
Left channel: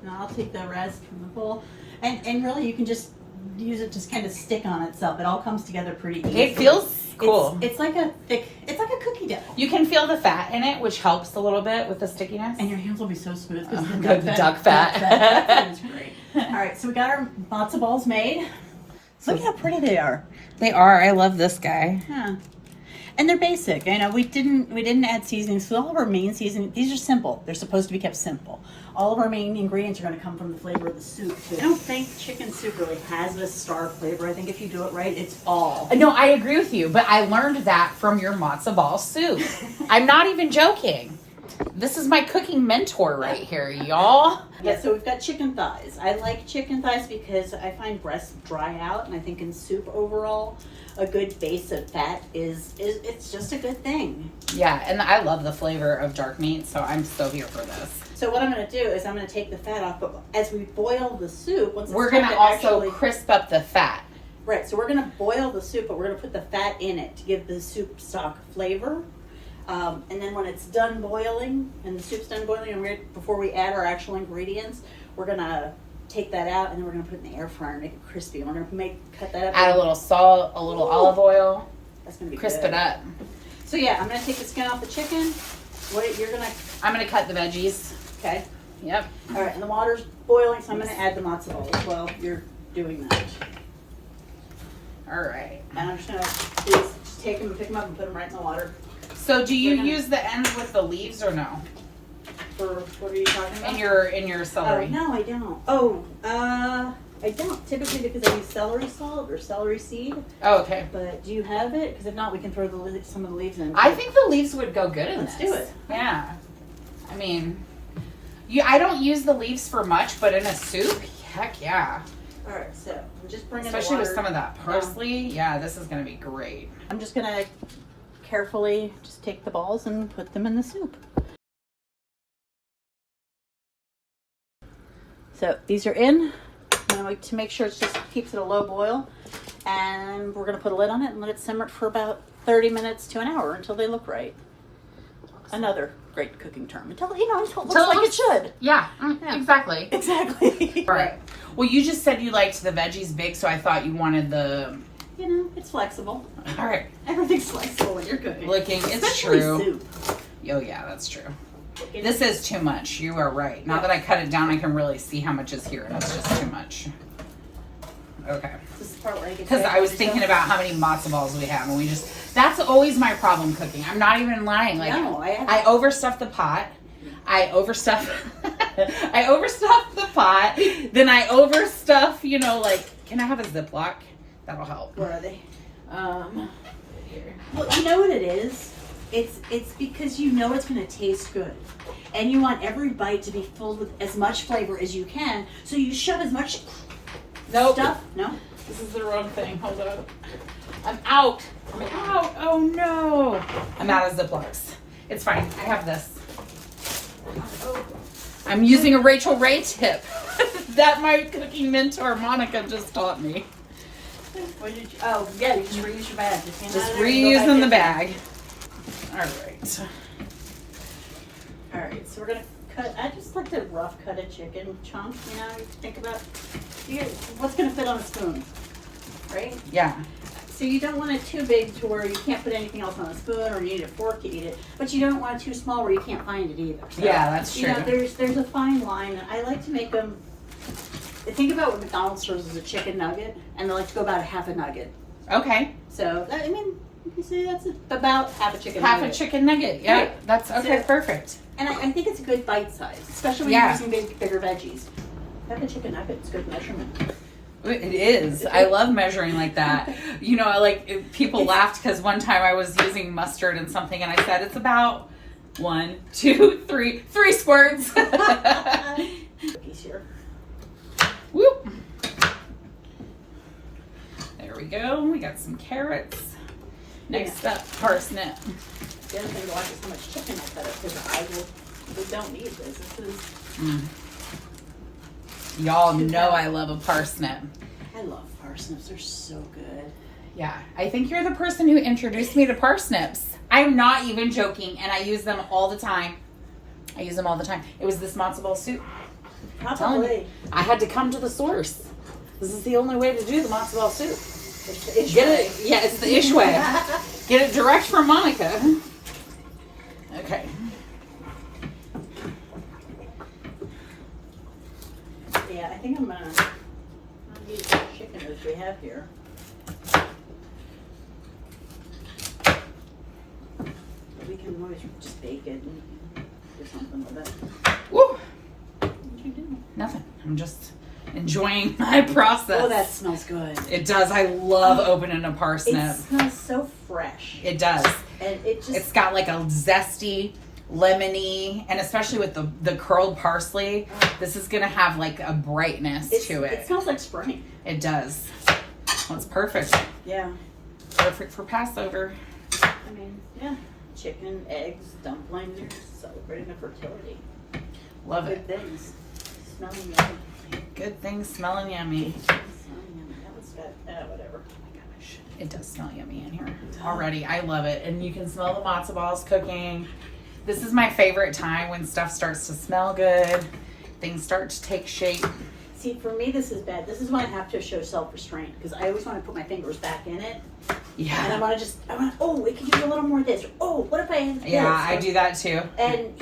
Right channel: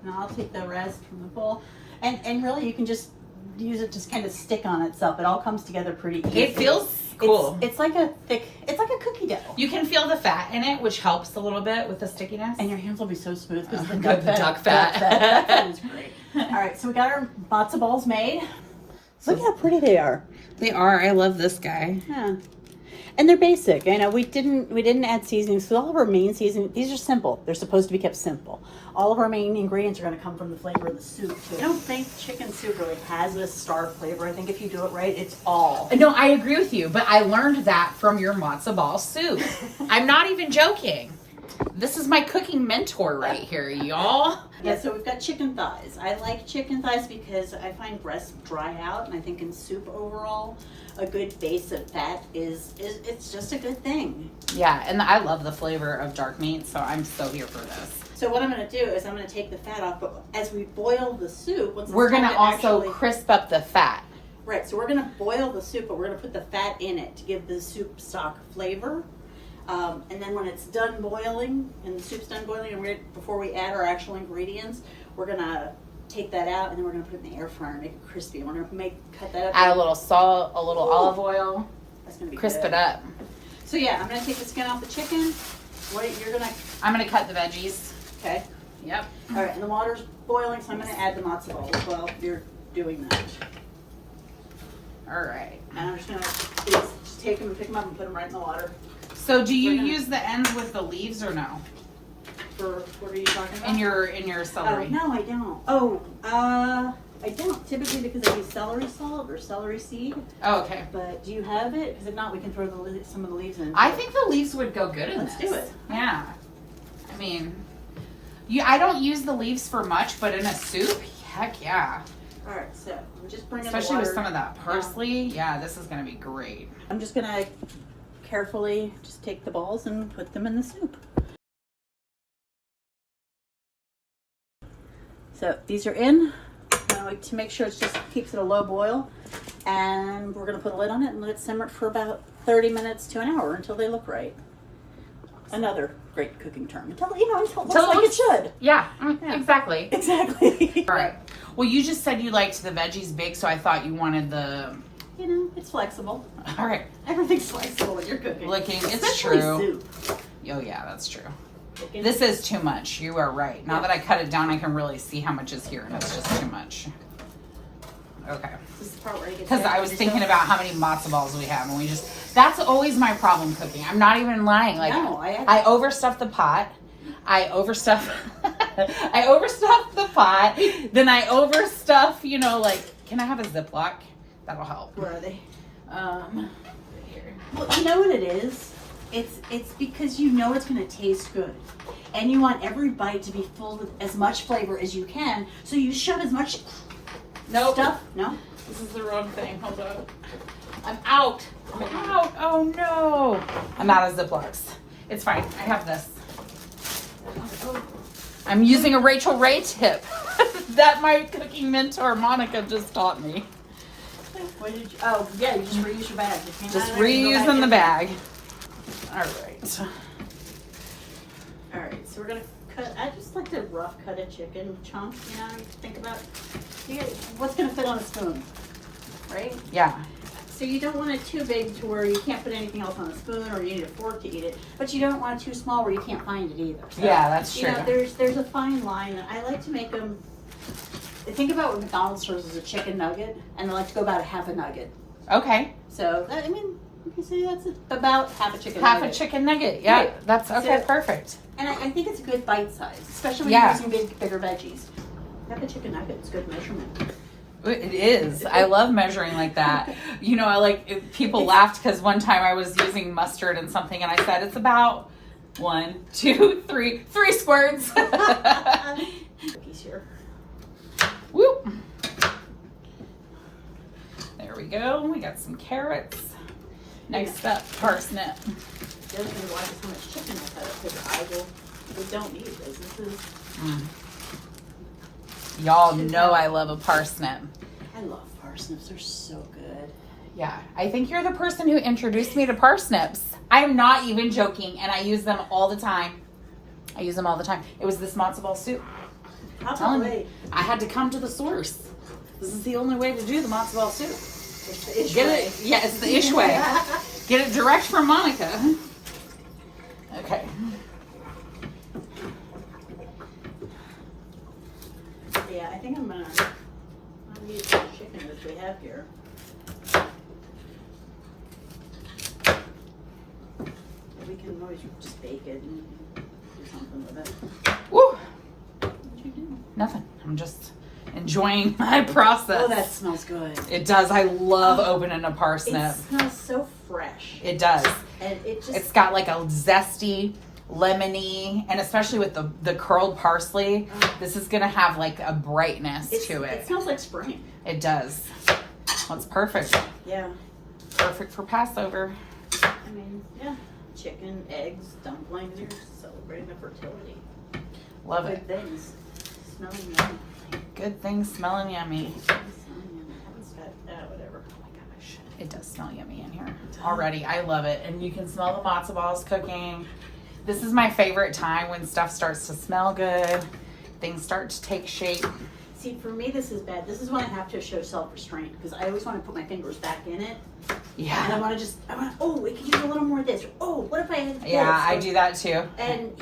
now I'll take the rest from the bowl. And really, you can just use it to kind of stick on itself. It all comes together pretty easily. It feels cool. It's like a cookie dough. You can feel the fat in it, which helps a little bit with the stickiness. And your hands will be so smooth because the duck fat. Duck fat is great. All right, so we got our matzo balls made. Look how pretty they are. They are. I love this guy. Yeah. And they're basic. You know, we didn't add seasonings. So all of our main seasoning, these are simple. They're supposed to be kept simple. All of our main ingredients are going to come from the flavor of the soup. I don't think chicken soup really has this star flavor. I think if you do it right, it's all. No, I agree with you, but I learned that from your matzo ball soup. I'm not even joking. This is my cooking mentor right here, y'all. Yeah, so we've got chicken thighs. I like chicken thighs because I find breasts dry out, and I think in soup overall, a good base of fat is it's just a good thing. Yeah, and I love the flavor of dark meat, so I'm so here for this. So what I'm going to do is I'm going to take the fat off, but as we boil the soup, we're going to also crisp up the fat. Right, so we're going to boil the soup, but we're going to put the fat in it to give the soup stock flavor. And then when it's done boiling, and the soup's done boiling, and before we add our actual ingredients, we're going to take that out, and then we're gonna put it in the air fryer and make it crispy. And we're gonna cut that up. Add a little salt, a little olive oil. That's gonna be crisp good. it up. So yeah, I'm gonna take the skin off the chicken. I'm gonna cut the veggies. Okay. Yep. All right, and the water's boiling, so I'm gonna add the matzo balls while you're doing that. All right. And I'm just gonna please just take them and pick them up and put them right in the water. So do you use the ends with the leaves or no? For what are you talking about? In your celery. Oh, no, I don't. Oh, I don't typically because I use celery salt or celery seed. Oh, okay. But do you have it? Because if not, we can throw some of the leaves in. I think the leaves would go good in Let's this. do it. Yeah. I mean, I don't use the leaves for much, but in a soup, heck yeah. All right, so I'm just bringing Especially the water with some of that parsley. Yeah, this is going to be great. I'm just gonna carefully just take the balls and put them in the soup. So these are in. To make sure it just keeps it a low boil, and we're gonna put a lid on it and let it simmer for about 30 minutes to an hour until they look right. Another great cooking term. Until it looks like it should. Yeah, exactly. Exactly. All right. Well, you just said you liked the veggies baked, so I thought you wanted the... It's flexible. All right. Everything's flexible when you're cooking. It's Especially true. soup. Oh, yeah, that's true. This is too much. You are right. Now that I cut it down, I can really see how much is here, and it's just too much. Okay. This is the part where I get Because I was thinking about how many matzo balls we have, and that's always my problem cooking. I'm not even lying. I overstuff the pot. I overstuff the pot. Then I overstuff, can I have a Ziploc? That'll help. Where are they? Here. Well, you know what it is? It's because it's going to taste good. And you want every bite to be full with as much flavor as you can. So you shove as much stuff. No? This is the wrong thing. Hold on. I'm out. Oh no. I'm out of Ziplocs. It's fine. I have this. I'm using a Rachel Ray tip that my cooking mentor Monica just taught me. What did you, you just reuse your bag. Just reusing the bag. All right. All right, so we're gonna cut. I just like to rough cut a chicken chunks. You think about what's gonna fit on a spoon, right? Yeah. So you don't want it too big to where you can't put anything else on a spoon, or you need a fork to eat it. But you don't want it too small where you can't find it either. So, yeah, that's true. There's a fine line, and I like to make them. Think about what McDonald's serves as a chicken nugget, and they like to go about a half a nugget. Okay. So you can say that's about half a chicken nugget. Half a chicken nugget, yeah. Right. That's okay, so, perfect. And I think it's a good bite size, especially when you're using bigger veggies. Half a chicken nugget is good measurement. It is. I love measuring like that. People laughed because one time I was using mustard and something, and I said it's about 1, 2, 3 squirts. Cookies here. Whoop. There we go. We got some carrots. Next up, parsnip. The other thing I like is how much chicken I cut up because we don't need this. This is. Y'all know I love a parsnip. I love parsnips. They're so good. Yeah. I think you're the person who introduced me to parsnips. I'm not even joking, and I use them all the time. It was this matzo ball soup. Probably. I had to come to the source. This is the only way to do the matzo ball soup. It's the ish way. Yeah, it's the ish way. Get it direct from Monica. Okay. Yeah, I think I'm gonna use the chicken that we have here. We can always just bake it and do something with it. Woo! What you doing? Nothing. I'm just enjoying my process. Oh, that smells good. It does. I love opening a parsnip. It smells so fresh. It does. And it's got like a zesty, lemony, and especially with the curled parsley, this is gonna have like a brightness to it. It smells like spring. It does. Well, it's perfect. Yeah. Perfect for Passover. I mean, yeah. Chicken, eggs, dumplings. You're celebrating the fertility. Love it. Good things. Smelling yummy. Good things smelling yummy. Smelling yummy. That one's got, whatever. Oh my gosh. It does smell yummy in here already. I love it. And you can smell the matzo balls cooking. This is my favorite time when stuff starts to smell good. Things start to take shape. See, for me, this is bad. This is when I have to show self-restraint because I always want to put my fingers back in it. Yeah. And I want to oh, we can use a little more of this. Or, oh, what if I had this? Yeah, I do that too. And,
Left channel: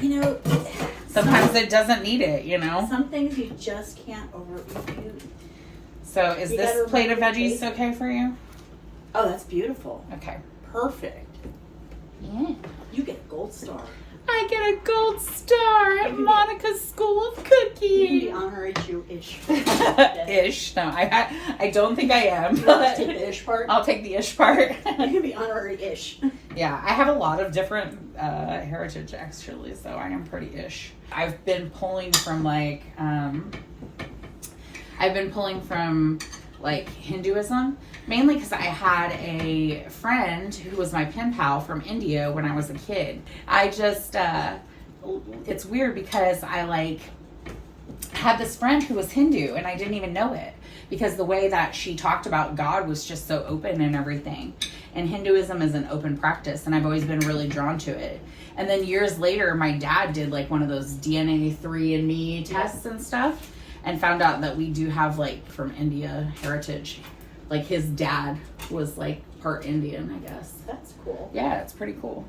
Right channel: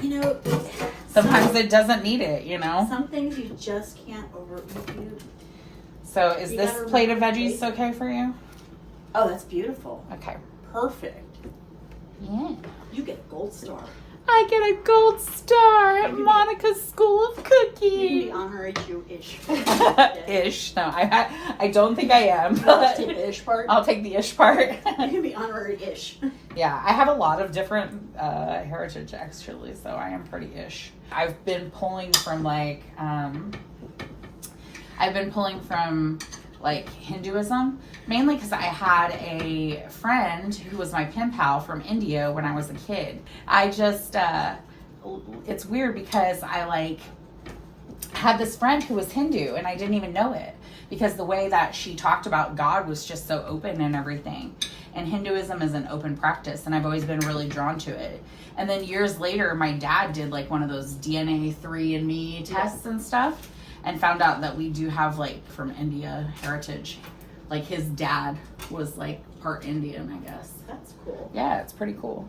sometimes it doesn't need it, Some things you just can't overeat. So is this plate of veggies okay for you? Oh, that's beautiful. Okay. Perfect. Yeah. You get a gold star. I get a gold star at Monica's School of You can Cooking. be honorary Jewish. Ish. No, I don't think I am. Let's take the ish part. I'll take the ish part. You can be honorary ish. Yeah, I have a lot of different heritage actually, so I am pretty ish. I've been pulling from Hinduism, mainly because I had a friend who was my pen pal from India when I was a kid. I just, it's weird because I had this friend who was Hindu and I didn't even know it because the way that she talked about God was just so open and everything. And Hinduism is an open practice and I've always been really drawn to it. And then years later, my dad did one of those DNA 3andMe tests and stuff and found out that we do have from India heritage. His dad was part Indian, I guess. That's cool. Yeah, it's pretty cool.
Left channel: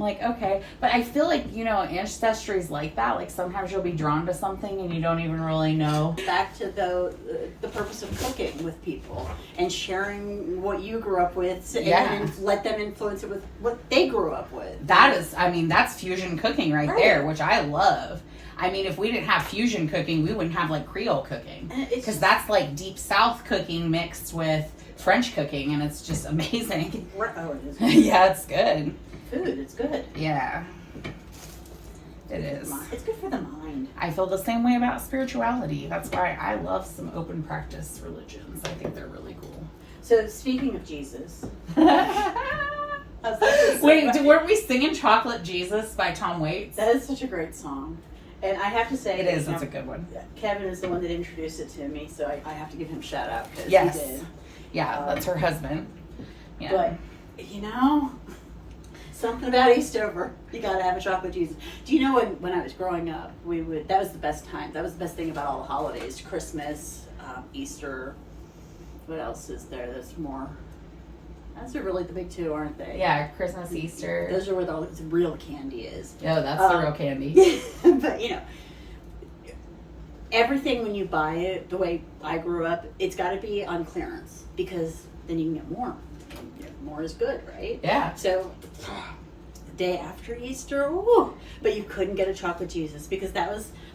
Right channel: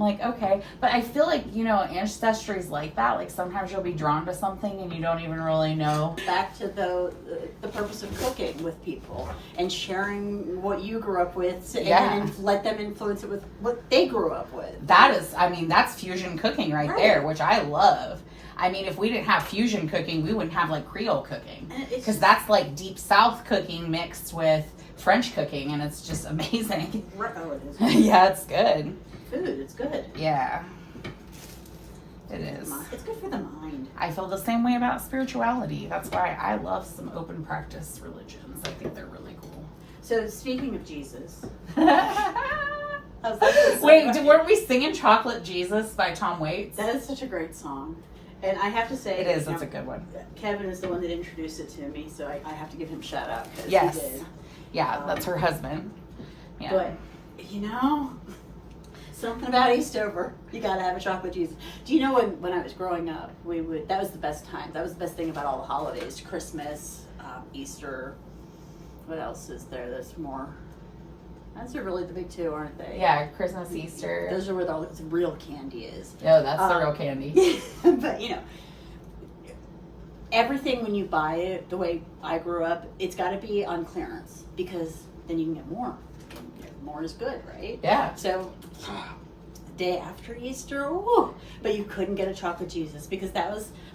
I'm okay. But I feel ancestry is like that. Sometimes you'll be drawn to something and you don't even really know. Back to the purpose of cooking with people and sharing what you grew up with and let them influence it with what they grew up with. That's fusion cooking right there, which I love. If we didn't have fusion cooking, we wouldn't have Creole cooking. Because that's deep South cooking mixed with French cooking and it's just amazing. Oh, it is. Yeah, it's good. Food, it's good. Yeah. It is. It's good for the mind. I feel the same way about spirituality. That's why I love some open practice religions. I think they're really cool. So speaking of Jesus. Wait, weren't we singing Chocolate Jesus by Tom Waits? That is such a great song. And I have to say, it is. It's a good one. Kevin is the one that introduced it to me, so I have to give him a shout out. Yes. He did. Yeah, that's her husband. Yeah. But, something about Eastover, you gotta have a chocolate Jesus. Do you know when I was growing up, that was the best time. That was the best thing about all the holidays. Christmas, Easter. What else is there? There's more. Those are really the big two, aren't they? Yeah, Christmas, Easter. Those are where the real candy is. Oh, that's the real candy. But, everything when you buy it, the way I grew up, it's got to be on clearance because then you can get more. More is good, right? Yeah. So, the day after Easter, ooh, but you couldn't get a chocolate Jesus because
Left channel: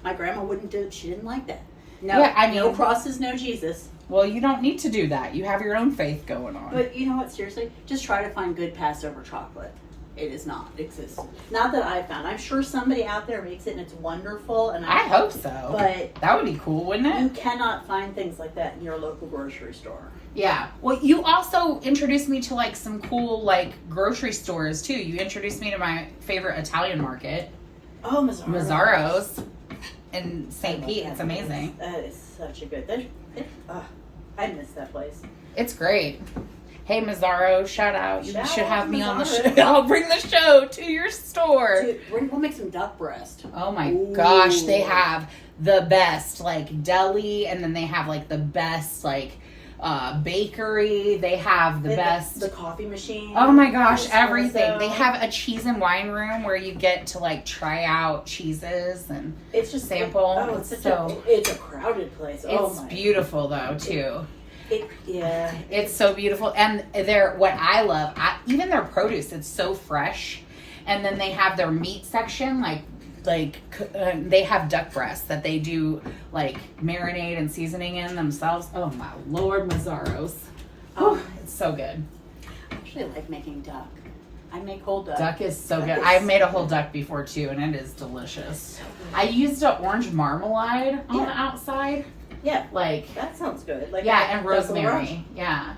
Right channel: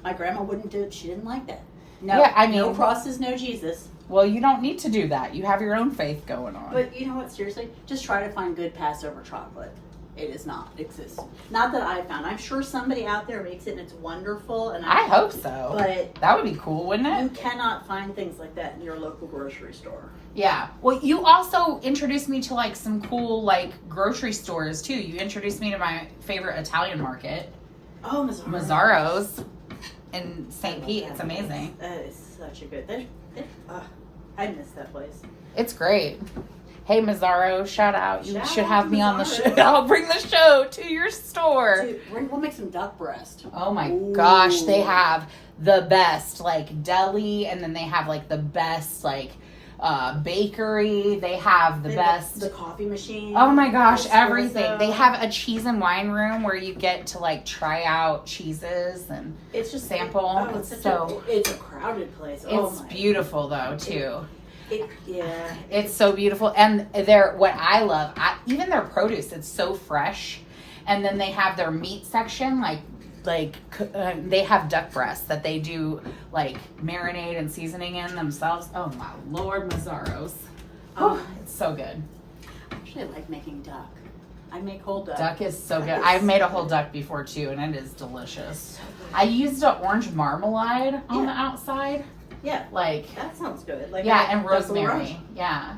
my grandma wouldn't do it. She didn't like that. No, no crosses, no Jesus. Well, you don't need to do that. You have your own faith going on. But you know what? Seriously, just try to find good Passover chocolate. It is not exist. Not that I found. I'm sure somebody out there makes it and it's wonderful. And I hope so. But that would be cool, wouldn't it? You cannot find things like that in your local grocery store. Yeah. Well, you also introduced me to some cool grocery stores too. You introduced me to my favorite Italian market. Oh, Mazzaro's in St. Pete. It's amazing. That is such a good. I miss that place. It's great. Hey, Mazzaro, shout out. You should have me on the show. Mazzaro. I'll bring the show to your store. Dude, we'll make some duck breast. Oh my gosh, they have the best deli, and then they have the best bakery. They have the best the coffee machine. Oh my gosh, everything. They have a cheese and wine room where you get to try out cheeses and it's just sample. It's a crowded place. It's beautiful though too. It's so beautiful, and what I love, even their produce, it's so fresh. And then they have their meat section, they have duck breasts that they do marinade and seasoning in themselves. Oh my Lord, Mazzaro's. It's so good. I actually like making duck. I make whole duck. Duck is so good. I've made a whole duck before too, and it is delicious. So I used an orange marmalade on the outside. Yeah, that sounds good. And rosemary. Yeah.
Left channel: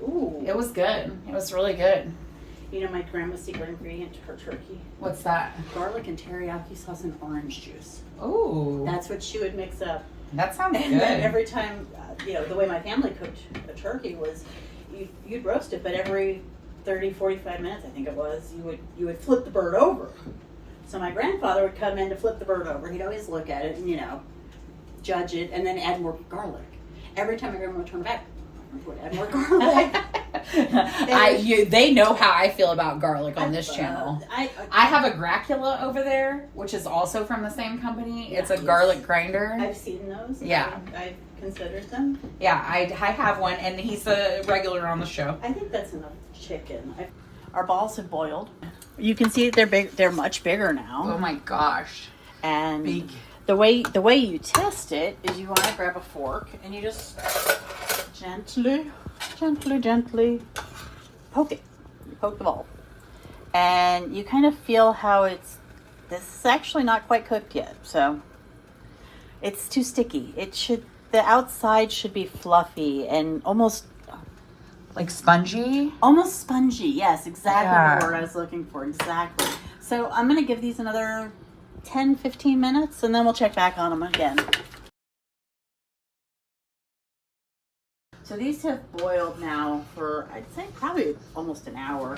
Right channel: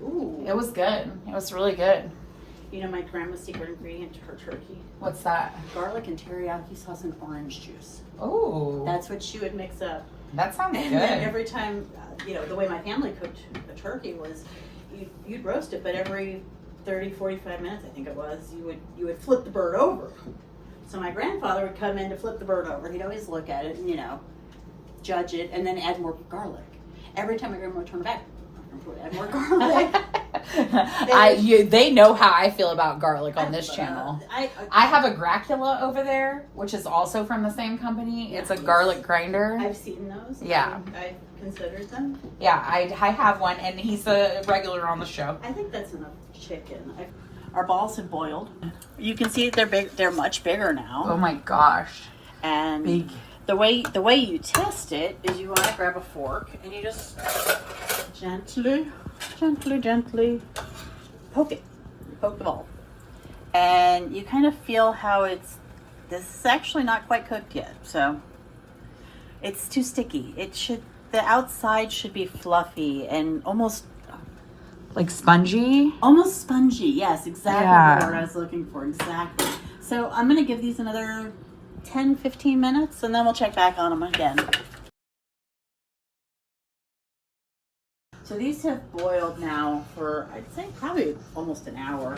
Ooh, it was good. It was really good. You know my grandma's secret ingredient to her turkey? What's that? Garlic and teriyaki sauce and orange juice. Ooh. That's what she would mix up. That sounds good. And then every time, the way my family cooked a turkey was, you'd roast it, but every 30, 45 minutes, I think it was, you would flip the bird over. So my grandfather would come in to flip the bird over. He'd always look at it and, judge it, and then add more garlic. Every time I go to turn it back, add more garlic. They know how I feel about garlic on this channel. I have a Gracula over there, which is also from the same company. It's a garlic grinder. I've seen those. Yeah. I've considered them. Yeah, I have one, and he's a regular on the show. I think that's enough chicken. Our balls have boiled. You can see they're big. They're much bigger now. Oh my gosh. And big. The way you test it is you want to grab a fork and you just gently poke it. You poke the ball. And you kind of feel how this is actually not quite cooked yet. So it's too sticky. The outside should be fluffy and almost like spongy? Almost spongy. Yes, exactly Yeah. the word I was looking for. Exactly. So I'm going to give these another 10-15 minutes and then we'll check back on them again. So these have boiled now for, I'd say, probably almost an hour.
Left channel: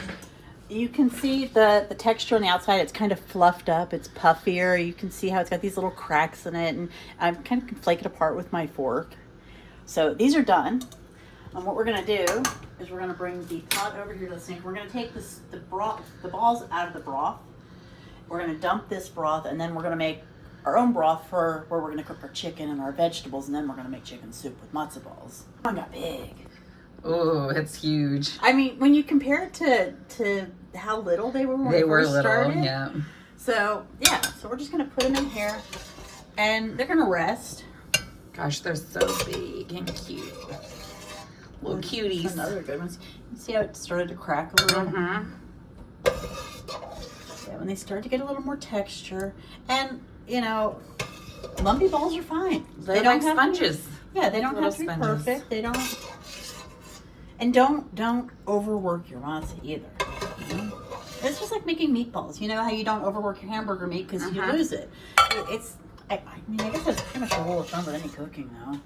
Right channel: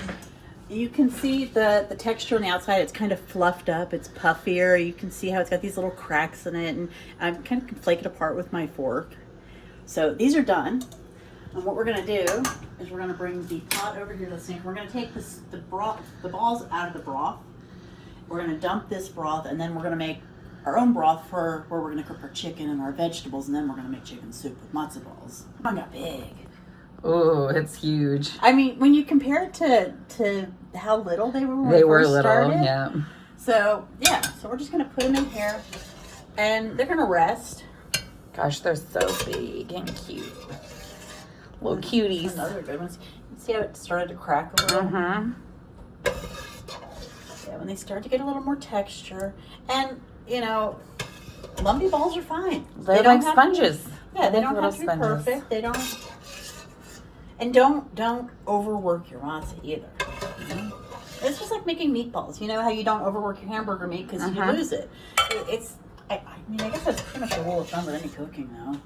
You can see the texture on the outside. It's kind of fluffed up. It's puffier. You can see how it's got these little cracks in it. And I'm kind of flake it apart with my fork. So these are done. And what we're going to do is we're going to bring the pot over here to the sink. We're going to take the balls out of the broth. We're going to dump this broth, and then we're going to make our own broth for where we're going to cook our chicken and our vegetables, and then we're going to make chicken soup with matzo balls. Oh, got big. Oh, it's huge. I mean, when you compare it to how little they were when we first started. Yeah. So, yeah. So we're just going to put them in here, and they're going to rest. Gosh, they're so big and cute. Little cuties. Another good ones. See how it started to crack a little? Mm-hmm. Yeah, when they start to get a little more texture. And, you know, lumpy balls are fine. They don't like sponges. Yeah, they don't Little have to be sponges. perfect. They don't. And don't overwork your matzah either. You know? It's just like making meatballs. You know how you don't overwork your hamburger meat because you lose it. I mean, I guess that's pretty much a rule of thumb with any cooking, though.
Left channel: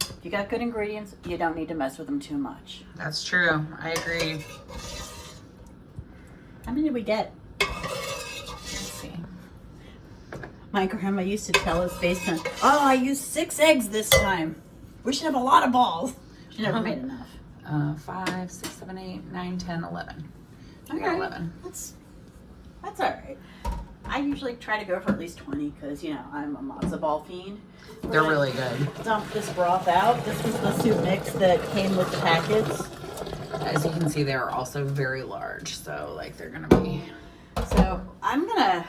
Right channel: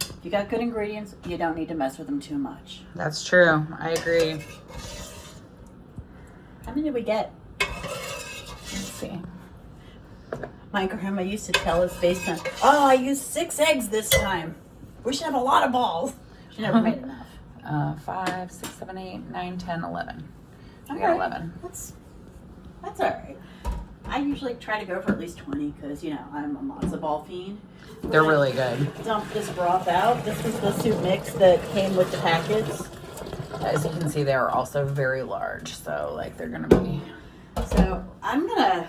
If you got good ingredients, you don't need to mess with them too much. That's true. I agree. How many did we get? Let's see. My grandma used to tell us based on, I used 6 eggs this time. We should have a lot of balls. She never made enough. 5, 6, 7, 8, 9, 10, 11. I Okay. got 11. That's all right. I usually try to go for at least 20 because, you know, I'm a matzo ball fiend. They're really good. Dump this broth out. This is the soup mix that came with the packets. As you can see, they are also very large. So, like, they're going to be... So, I'm going to,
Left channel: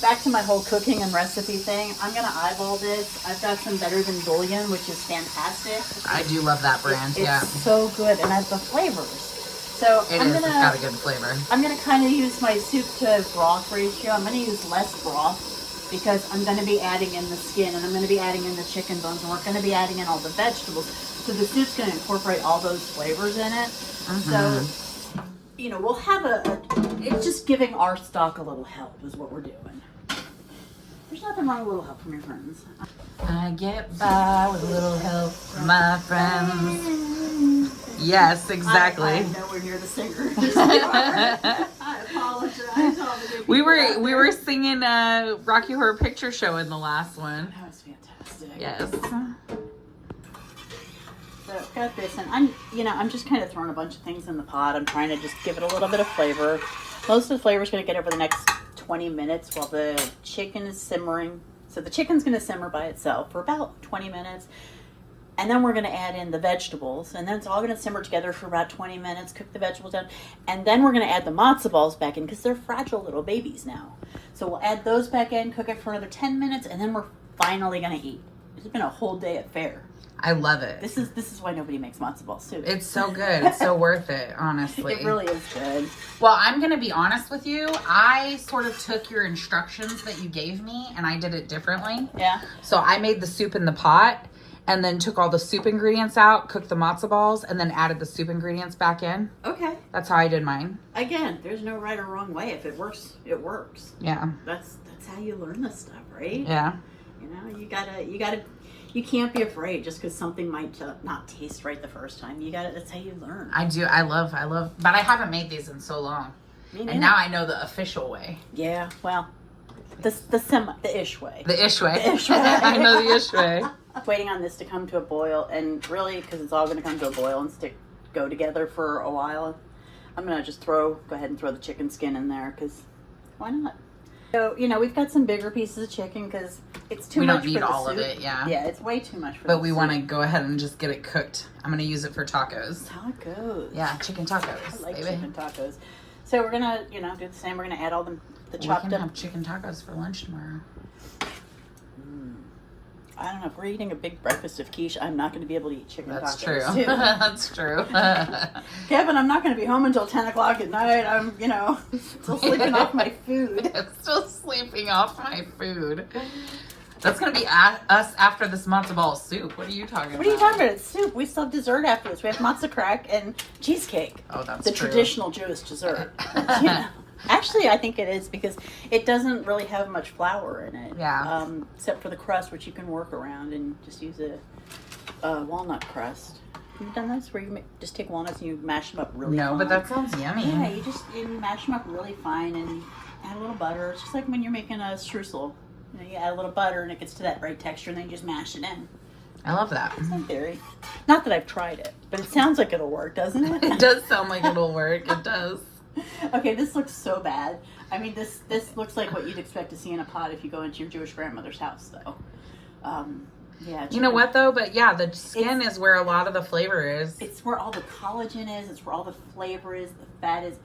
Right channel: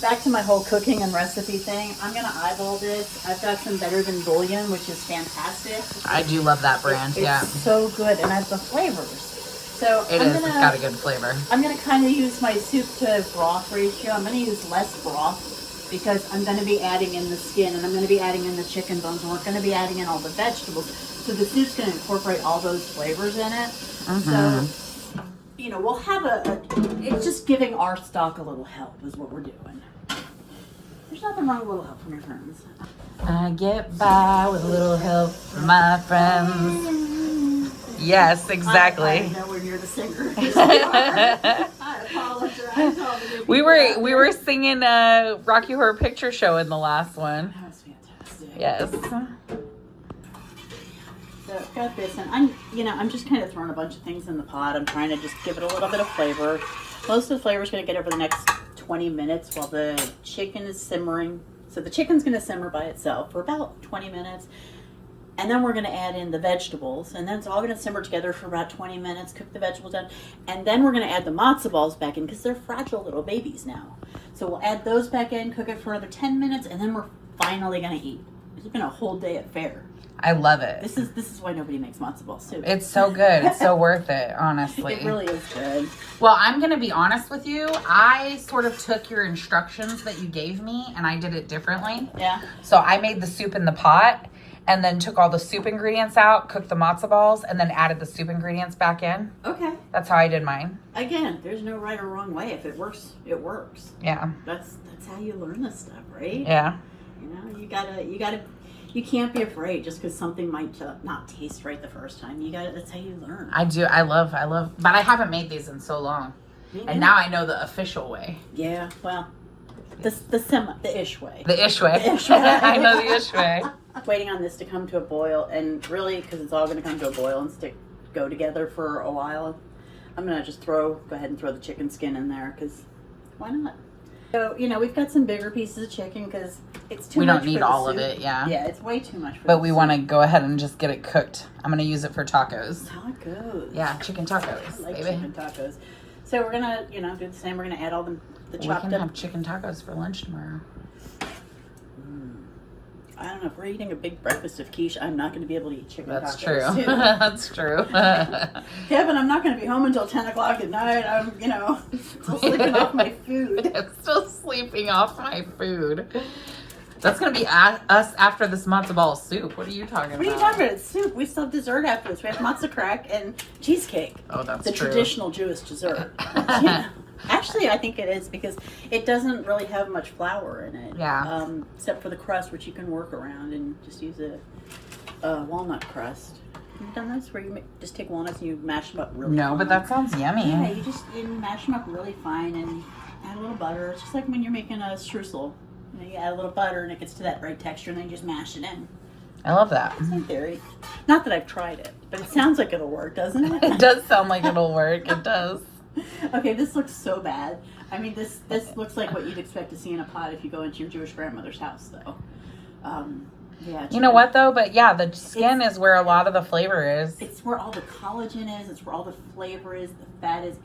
back to my whole cooking and recipe thing, I'm going to eyeball this. I've got some Better Than Bouillon, which is fantastic. I do love that brand, yeah. It's so good, and I have the flavors. So It's got a good flavor. I'm going to kind of use my soup to broth ratio. I'm going to use less broth because I'm going to be adding in the skin, and I'm going to be adding in the chicken bones, and we're going to be adding in all the vegetables. So the soup's going to incorporate all those flavors in it. So, you know, we'll have it's just giving our stock a little help is what we're doing. There's nothing wrong with a little help from your friends. I get by with a little help from my friends. Yes, exactly. I'm nowhere near the singer. I apologize. All the good We people were singing Rocky Horror Picture Show in the last one. That was fantastic. Yes. So I've got this, and I'm just kind of throwing a bunch of things in the pot. I'm trying to just give it a little bit of flavor. Most of the flavor is going to get over the next 20 minutes while the chicken is simmering. So the chicken's going to simmer by itself for about 20 minutes. And then we're going to add in the vegetables. And then it's all going to simmer together for about 20 minutes. Cook the vegetables down. And then we're going to add the matzo balls back in because they're fragile little babies now. So we'll add those back in, cook it for another 10 minutes, and then we're finally going to eat. It's been a whole day at fair. I love it. This is why nobody makes matzo ball soup. It's so good. It's so worth it, honestly. It really is good. Well, I'm going to be honest with you. I sort of took your instructions that you gave me, and I did it differently. Yeah. So I made the soup in the pot, and then took all the soup ingredients out, cooked the matzo balls, and then added the soup ingredients back in. Okay. That's how I did mine. Again, there's no right or wrong way. If it works, it works. Yeah. That's how you learn this stuff, right? Yeah. You know, you can't be afraid just because something might not taste right the first time. That's how you learn. I do. I love, but I haven't made these in so long. And now I know the official way. Yeah, well, The ish way. The ish way. The ish way. I know the ish way. Waiting on this to come to a boil, and really, because it's all going to come to a boil and go together for a while, I'm going to just go ahead and throw the chicken skin in there, because why not? So, we've got some bigger pieces of chicken, because it's too much for the soup. We don't need all of it, yeah. Yeah, it's way too much for But we want to go ahead and just get it cooked. I'm going to use it for tacos. Tacos. Yeah, chicken tacos, I like baby. chicken tacos. So we're going to, do the same. We're going to add all the chopped up. We can have chicken tacos for lunch tomorrow. I don't know, if we're eating a big breakfast of quiche, I'm not going to be able to eat chicken That's tacos. true. That's true. Kevin, I'm not going to be home until 10 o'clock at night. I'm, still sleeping off my food. I'm still sleeping off my food. That's going to be us after this matzo ball soup. What are you talking about? What are you talking about? It's soup. We still have dessert after this. We have Mazto Crack and cheesecake. Oh, that's the true. Traditional Jewish dessert. Yeah. Actually, I think it is, because it doesn't really have much flour in it. Yeah. Except for the crust, which you can work around and just use a walnut crust. Have you done this, where you just take walnuts and you mash them up really fine? No, but that sounds yummy. Yeah, you mash them up really fine and add a little butter. It's just like when you're making a streusel. You add a little butter and it gets to that right texture, and then you just mash it in. I love that. Same theory. Not that I've tried it, but it sounds like it'll work, doesn't it? It does sound like it'll work. It does. Okay, this looks so bad. I mean, this looks like what you'd expect to see in a pot if you go into your Jewish grandmother's house, though. Yeah. You know what, though? But yeah, the skin is where a lot of the flavor is. It's where all the collagen is. It's where all the flavor is. The fat is.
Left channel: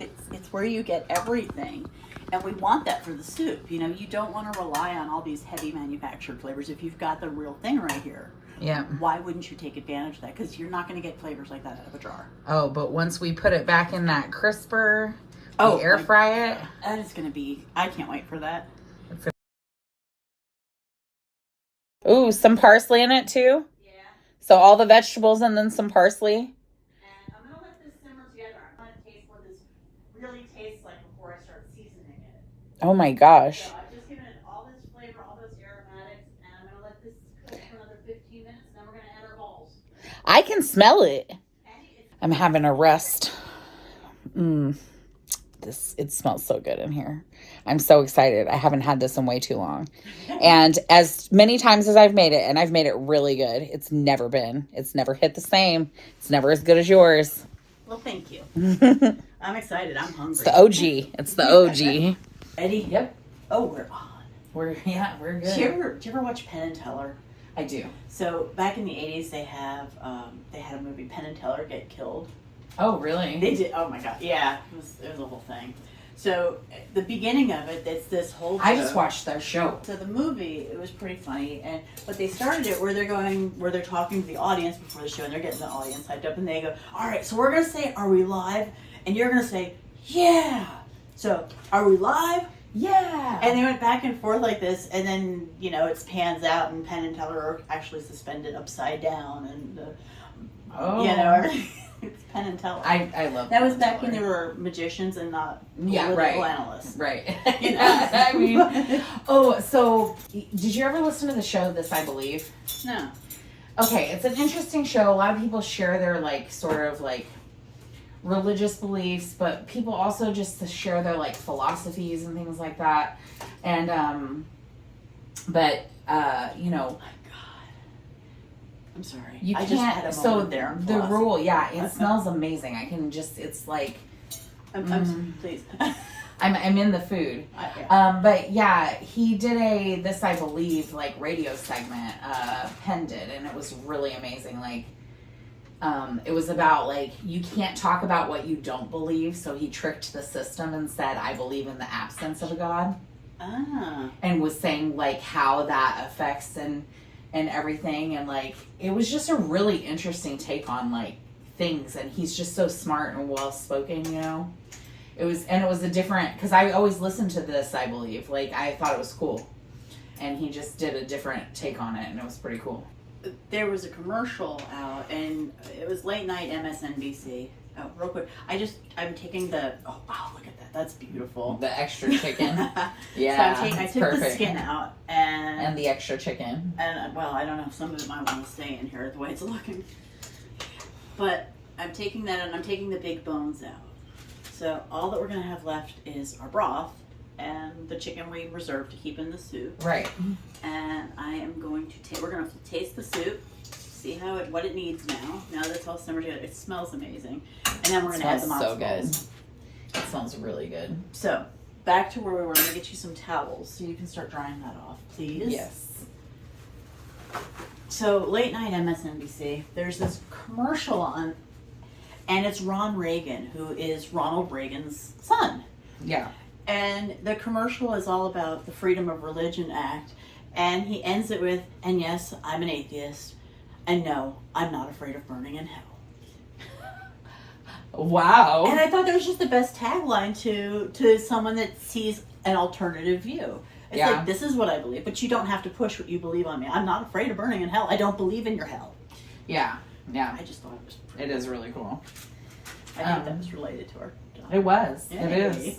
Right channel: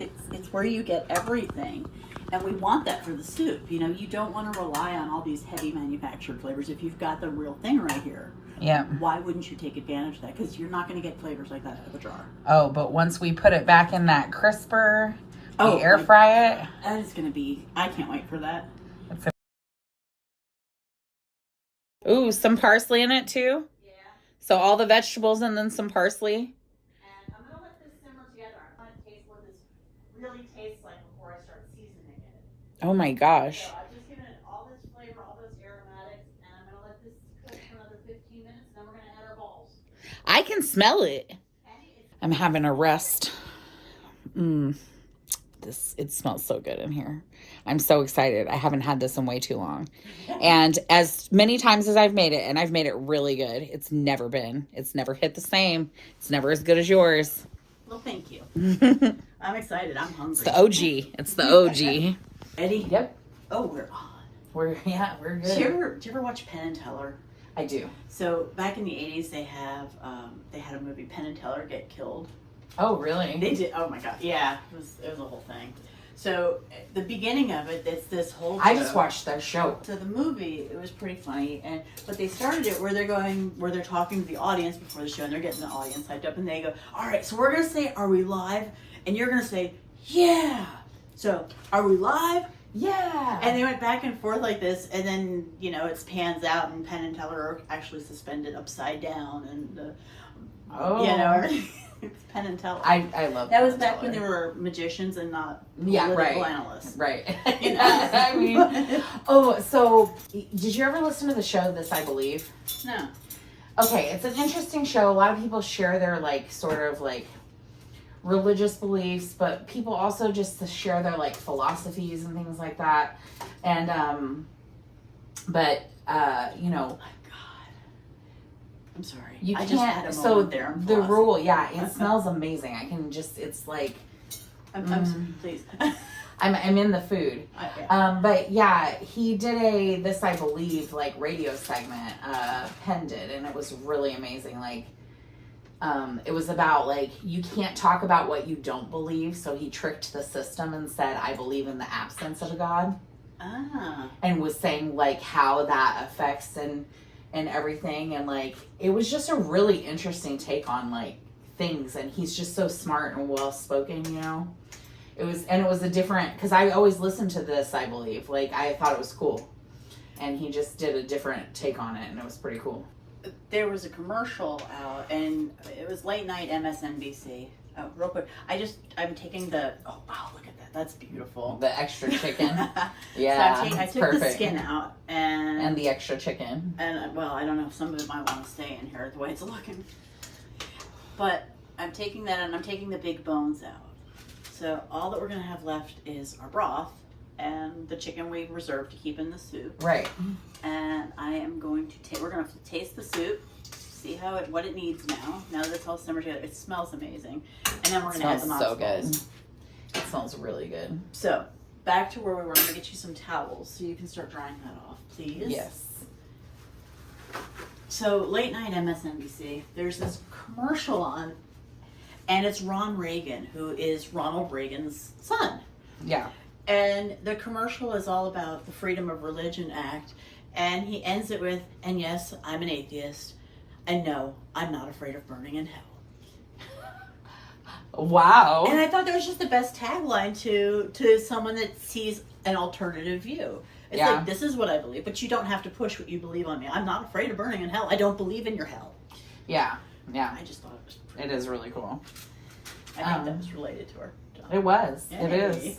It's where you get everything. And we want that for the soup. You don't want to rely on all these heavy manufactured flavors if you've got the real thing right here. Yeah. Why wouldn't you take advantage of that? Because you're not going to get flavors like that out of a jar. Oh, but once we put it back in that crisper, we air fry it. That is going to be, I can't wait for that. Ooh, some parsley in it too? Yeah. So all the vegetables and then some parsley? And I'm going to let this simmer together. I'm going to taste what this really tastes like before I start seasoning it. Oh my gosh. So I've just given it all this flavor, all those aromatics, and I'm going to let this cook for another 15 minutes, and then we're going to add our balls. I can smell it. I'm having a rest. It smells so good in here. I'm so excited. I haven't had this in way too long. And as many times as I've made it, and I've made it really good, it's never hit the same. It's never as good as yours. Well, thank you. I'm excited. I'm hungry. It's the OG. It's the OG. Eddie? Yep. Oh, we're on. We're good. Did you ever watch Penn and Teller? I do. So back in the 80s, they had a movie, Penn and Teller Get Killed. Oh, really? They did. Oh my God. Yeah, it was a whole thing. So the beginning of it, it's this whole show. I just watched their show. So the movie, it was pretty funny, but they started it where they're talking to the audience before the show, and they're getting the audience hyped up, and they go, "All right, so we're gonna say, are we live?" And you're gonna say, "Yeah." So, are we live? Yeah. And they went back and forth like this, and then it pans out, and Penn and Teller are actually suspended upside down, and it's Penn and Teller. I love that. Was back when they were magicians and not political analysts. Right. I mean, so did you ever listen to the show This I Believe? No. Okay, it's an interesting show. A lot of people share their sort of religious beliefs, but people also just share their philosophies and things like that. And I'm sorry. You I can't. just had a moment there. The rule, it smells amazing. I can just. It's like. I'm please. I'm in the food. But yeah, he did a This I Believe radio segment. Penn did, and it was really amazing. It was about you can't talk about what you don't believe. So he tricked the system and said, "I believe in the absence of a God," and was saying how that affects and everything, and it was just a really interesting take on things, and he's just so smart and well spoken, It was a different, because I always listened to This I Believe, I thought it was cool, and he just did a different take on it, and it was pretty cool. There was a commercial out, and it was late night MSNBC. Oh, real quick, I'm taking the, oh wow, look at that, that's beautiful. The extra chicken. Yeah, so I took the skin out, and the extra chicken. And well, I don't know, some of it might want to stay in here the way it's looking. But I'm taking that, and I'm taking the big bones out. So all that we're gonna have left is our broth, and the chicken we reserved to keep in the soup. Right. And I am going to we're going to taste the soup, see what it needs now. Now that it's all simmered together, it smells amazing. And then we're going to add the matzo balls. It smells really good. So, back to where we were. I'm going to get you some towels so you can start drying that off, please. Yes. So, late night MSNBC, there's this commercial on, and it's Ron Reagan, who is Ronald Reagan's son. Yeah. And the commercial is all about the Freedom of Religion Act. And he ends it with, and yes, I'm an atheist. And no, I'm not afraid of burning in hell. Wow. And I thought that was just the best tagline to someone that sees an alternative view. It's like, this is what I believe, but you don't have to push what you believe on me. I'm not afraid of burning in hell. I don't believe in your hell. Yeah. Yeah. I just thought it was It is really cool. I think that was related to our job. It was. Yay. It is.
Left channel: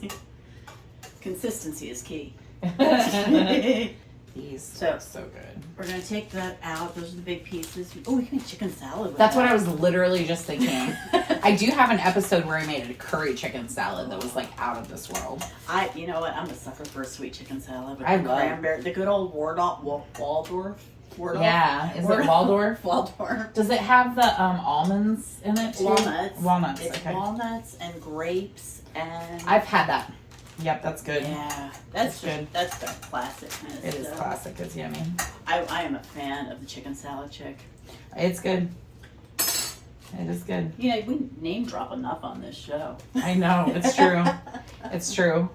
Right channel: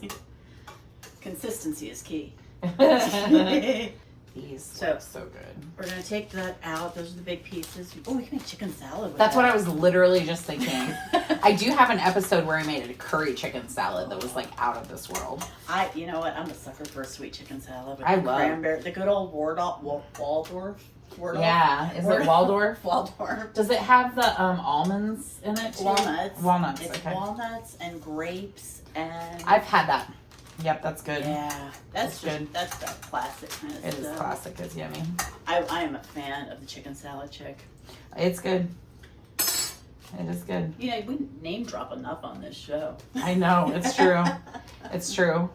Consistency is key. These so good. We're going to take that out. Those are the big pieces. Oh, we can make chicken salad with That's that. what I was literally just thinking. I do have an episode where I made a curry chicken salad that was like out of this world. You know what? I'm a sucker for a sweet chicken salad with I the love cranberry. The good old Waldorf. Yeah. Is it Waldorf? Waldorf. Does it have the almonds in it too? Walnuts. Walnuts. It's okay. walnuts and grapes and. I've had that. Yep, that's good. Yeah, that's good. That's that classic kind of It stuff. is classic. It's yummy. I am a fan of the chicken salad chick. It's good. It is good. You know, we name drop enough on this show. I know. It's true. It's true.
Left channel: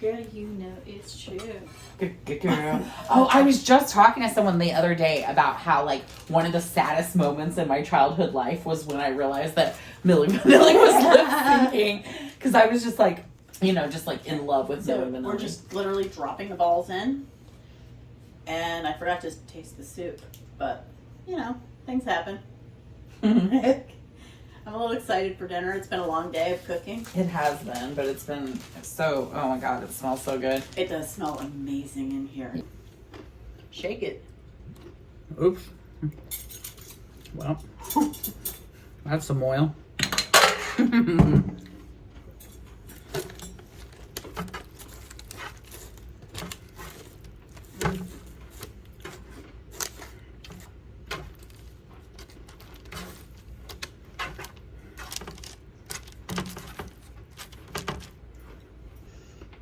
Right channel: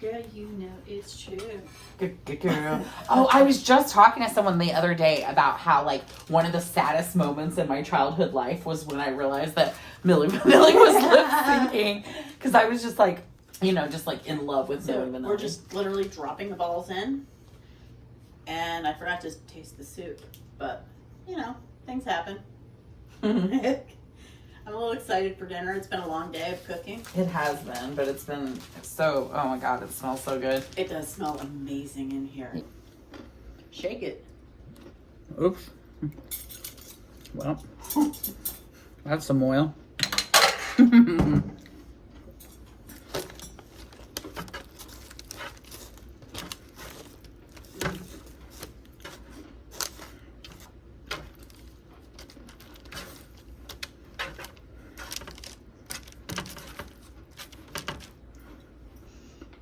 Girl, you know it's true. Good girl. Oh, I was just talking to someone the other day about how, like, one of the saddest moments in my childhood life was when I realized that Milli Vanilli was lip syncing. Because I was just like, you know, just like in love with Milli Vanilli. We're just literally dropping the balls in. And I forgot to taste the soup. But, you know, things happen. I'm a little excited for dinner. It's been a long day of cooking. It has been, but it's been so, oh my God, it smells so good. It does smell amazing in here. Shake it. Oops. Well, that's some oil.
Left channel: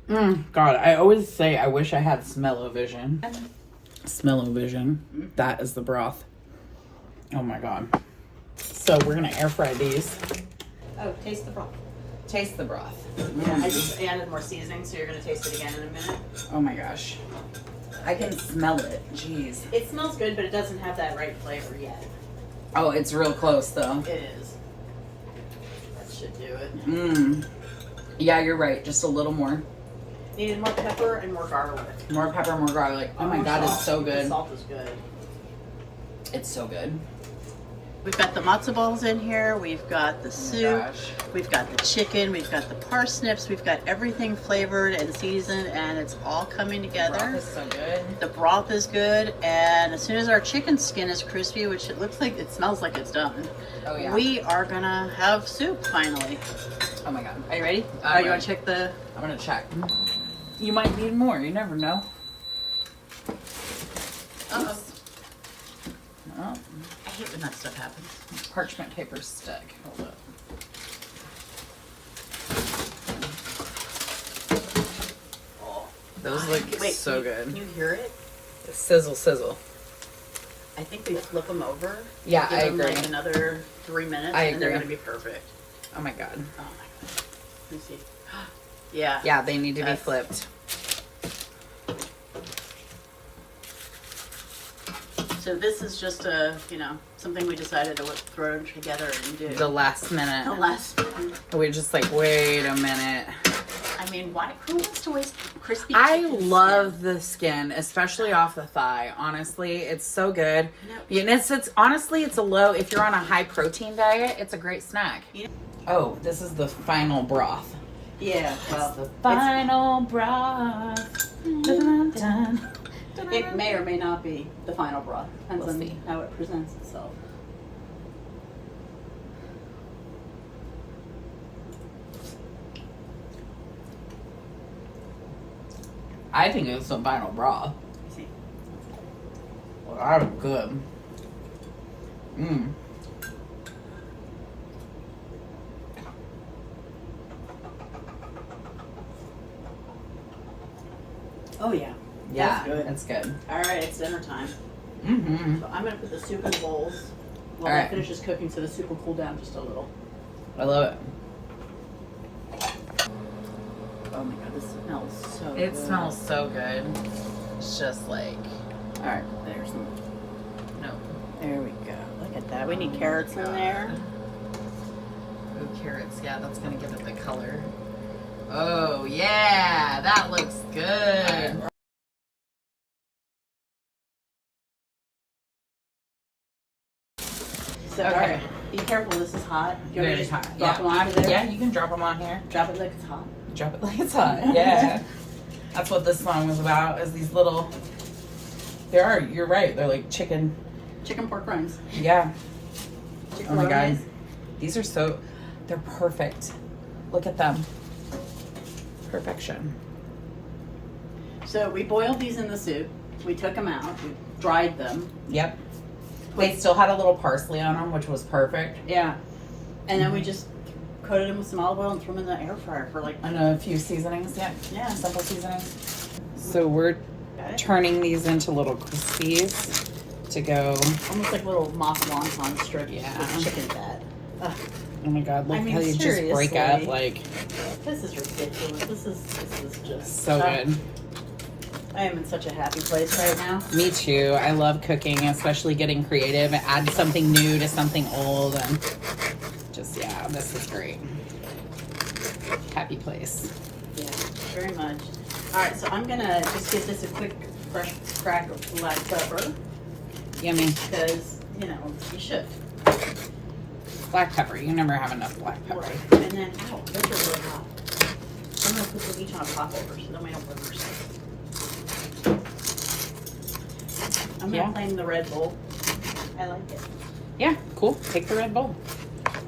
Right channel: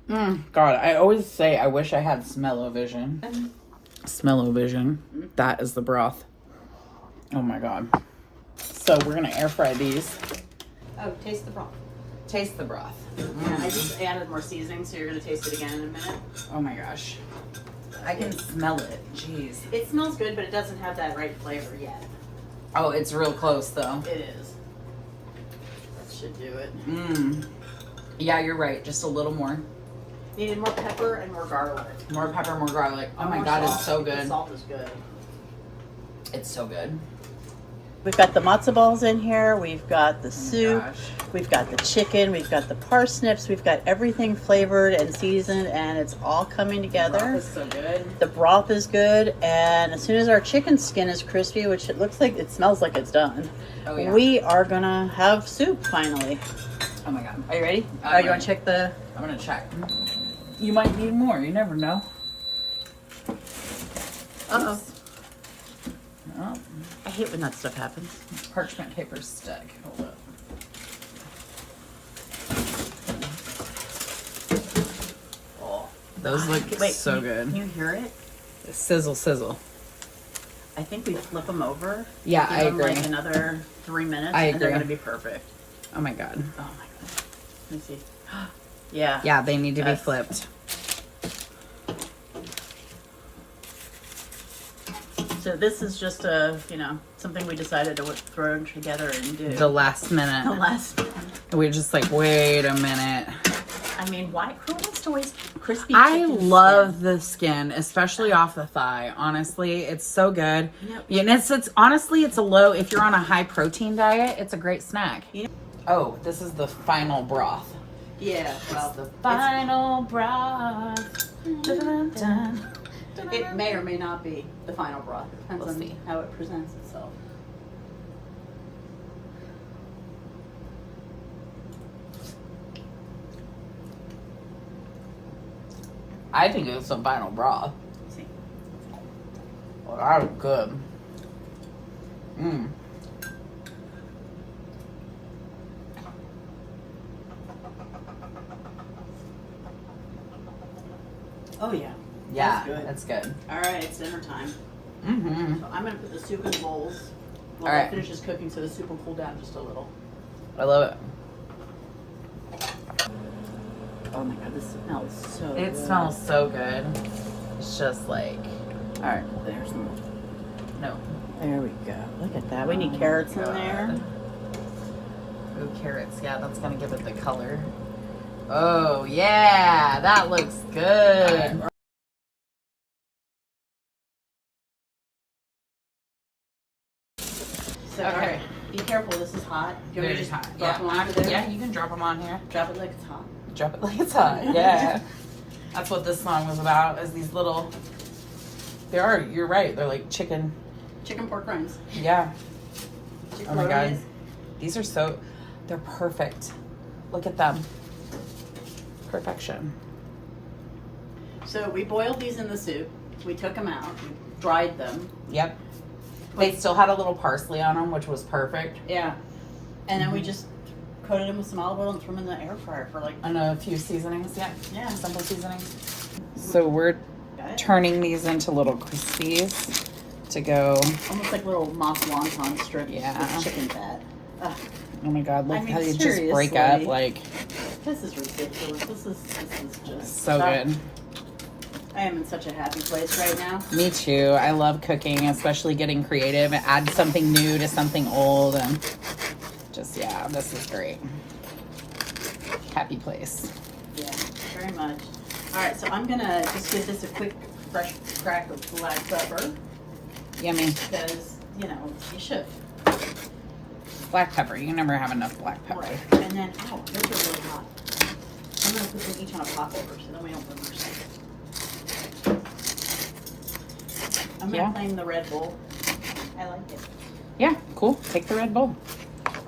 God, I always say I wish I had smell-o-vision. Smell-o-vision. That is the broth. Oh my God. So we're gonna air fry these. Oh, taste the broth. Taste the broth. I just added more seasoning, so you're going to taste it again in a minute. Oh my gosh. I can smell it. Jeez. It smells good, but it doesn't have that right flavor yet. Oh, it's real close though. It is. That should do it. Mmm. Yeah, you're right. Just a little more. Needed more pepper and more garlic. More pepper, more garlic. Oh my God, it's so The good. salt is good. It's so good. We've got the matzo balls in here. We've got the soup. gosh. We've got the chicken. We've got the parsnips. We've got everything flavored and seasoned, and it's all coming together. It's so good. The broth is good, and as soon as our chicken skin is crispy, which it looks like, it smells like it's done, Oh yeah. we are gonna have soup finally. Oh my God. Are you ready? You want to check the? I'm gonna check. You might need more. You never know. Uh-oh. Oh, I hate when that stuff happens. parchment paper stick. Hold up. Oh, Those look wait, so can good. you hear it? Sizzle, sizzle. I think we flip them over. Yeah, Give I them agree. like another 3 minutes, I and they're agree. gonna be perfect. Oh my God. Oh my god. Let me see. Yeah. Yeah, they need to be That's- flipped. So this is just something we decided to throw together and do. The last minute. The last one. We're just like, wait a minute. I mean, who wants to waste crispy I chicken love skin? the skin, especially off the thigh. Honestly, it's so good. Yep. Yeah, and it's honestly, it's a low, if you're on a high protein diet, it's a great snack. Yeah. Oh, this is the final broth. Yeah, well, The final broth. Dun, dun. it may or may not be the final broth. Depends We'll on see. how it presents itself. I think it's some final broth. See. Well, that was good. Mmm. Oh yeah. Yeah, That's good. that's good. All right, it's dinner time. Mm-hmm. So I'm gonna put the soup in bowls while All it right. finishes cooking, so the soup will cool down just a little. I love it. Oh my god, this smells so It good. smells so good. It's just like, All right, there's some. no. There we go. Look at that. We need carrots in there. Oh, carrots. Yeah, that's gonna give it the color. Oh, yeah, that looks good. So, all right, be careful. This is hot. Do you want me to Very just hot. drop them onto there? Yeah, you can drop them on here. Drop it like it's hot. Drop it like it's hot. Yeah. That's what this song was about, is these little, you're right, they're like chicken. Chicken pork rinds. Yeah. Chicken Oh my God. rinds. These are they're perfect. Look at them. Perfection. So we boiled these in the soup. We took them out. We dried them. Yep. They still had a little parsley on them, which was perfect. Yeah. And then we just coated them with some olive oil and threw them in the air fryer for like, And a few seasonings. Yeah. yeah. Simple seasonings. So we're turning these into little crispies to go. Almost like little mock wonton strips Yeah. with chicken fat. Ugh, Oh my God, look I mean, how they just break up. seriously. Like, this is ridiculous. This is just so good. I am in such a happy place right now. Me too. I love cooking, especially getting creative. Add something new to something old, and just, yeah, this is great. Happy place. Yeah, very much. All right, so I'm gonna just give this a quick fresh crack of black pepper Yummy. because you know you should. Black pepper. You never have enough black pepper. Right, and then oh, those are really hot. I'm gonna put them each on a popover so then we don't burn ourselves. I'm gonna Yeah. claim the Red Bull. I like it. Yeah, cool. Take the Red Bull.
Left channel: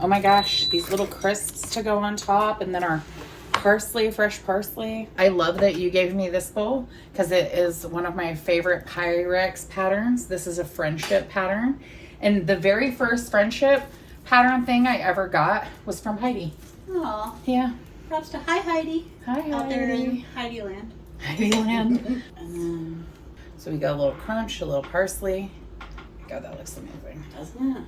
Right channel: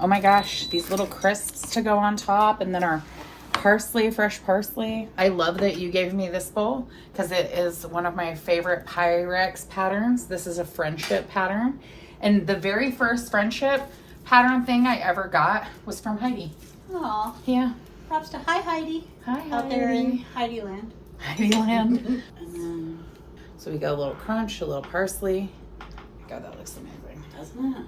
Oh my gosh, these little crisps to go on top, and then our parsley, fresh parsley. I love that you gave me this bowl because it is one of my favorite Pyrex patterns. This is a friendship pattern. And the very first friendship pattern thing I ever got was from Heidi. Aw, Yeah. props to Heidi. Hi, Out there in Heidi land. Heidi Land. And then, So we got a little crunch, a little parsley. God, that looks amazing. doesn't it?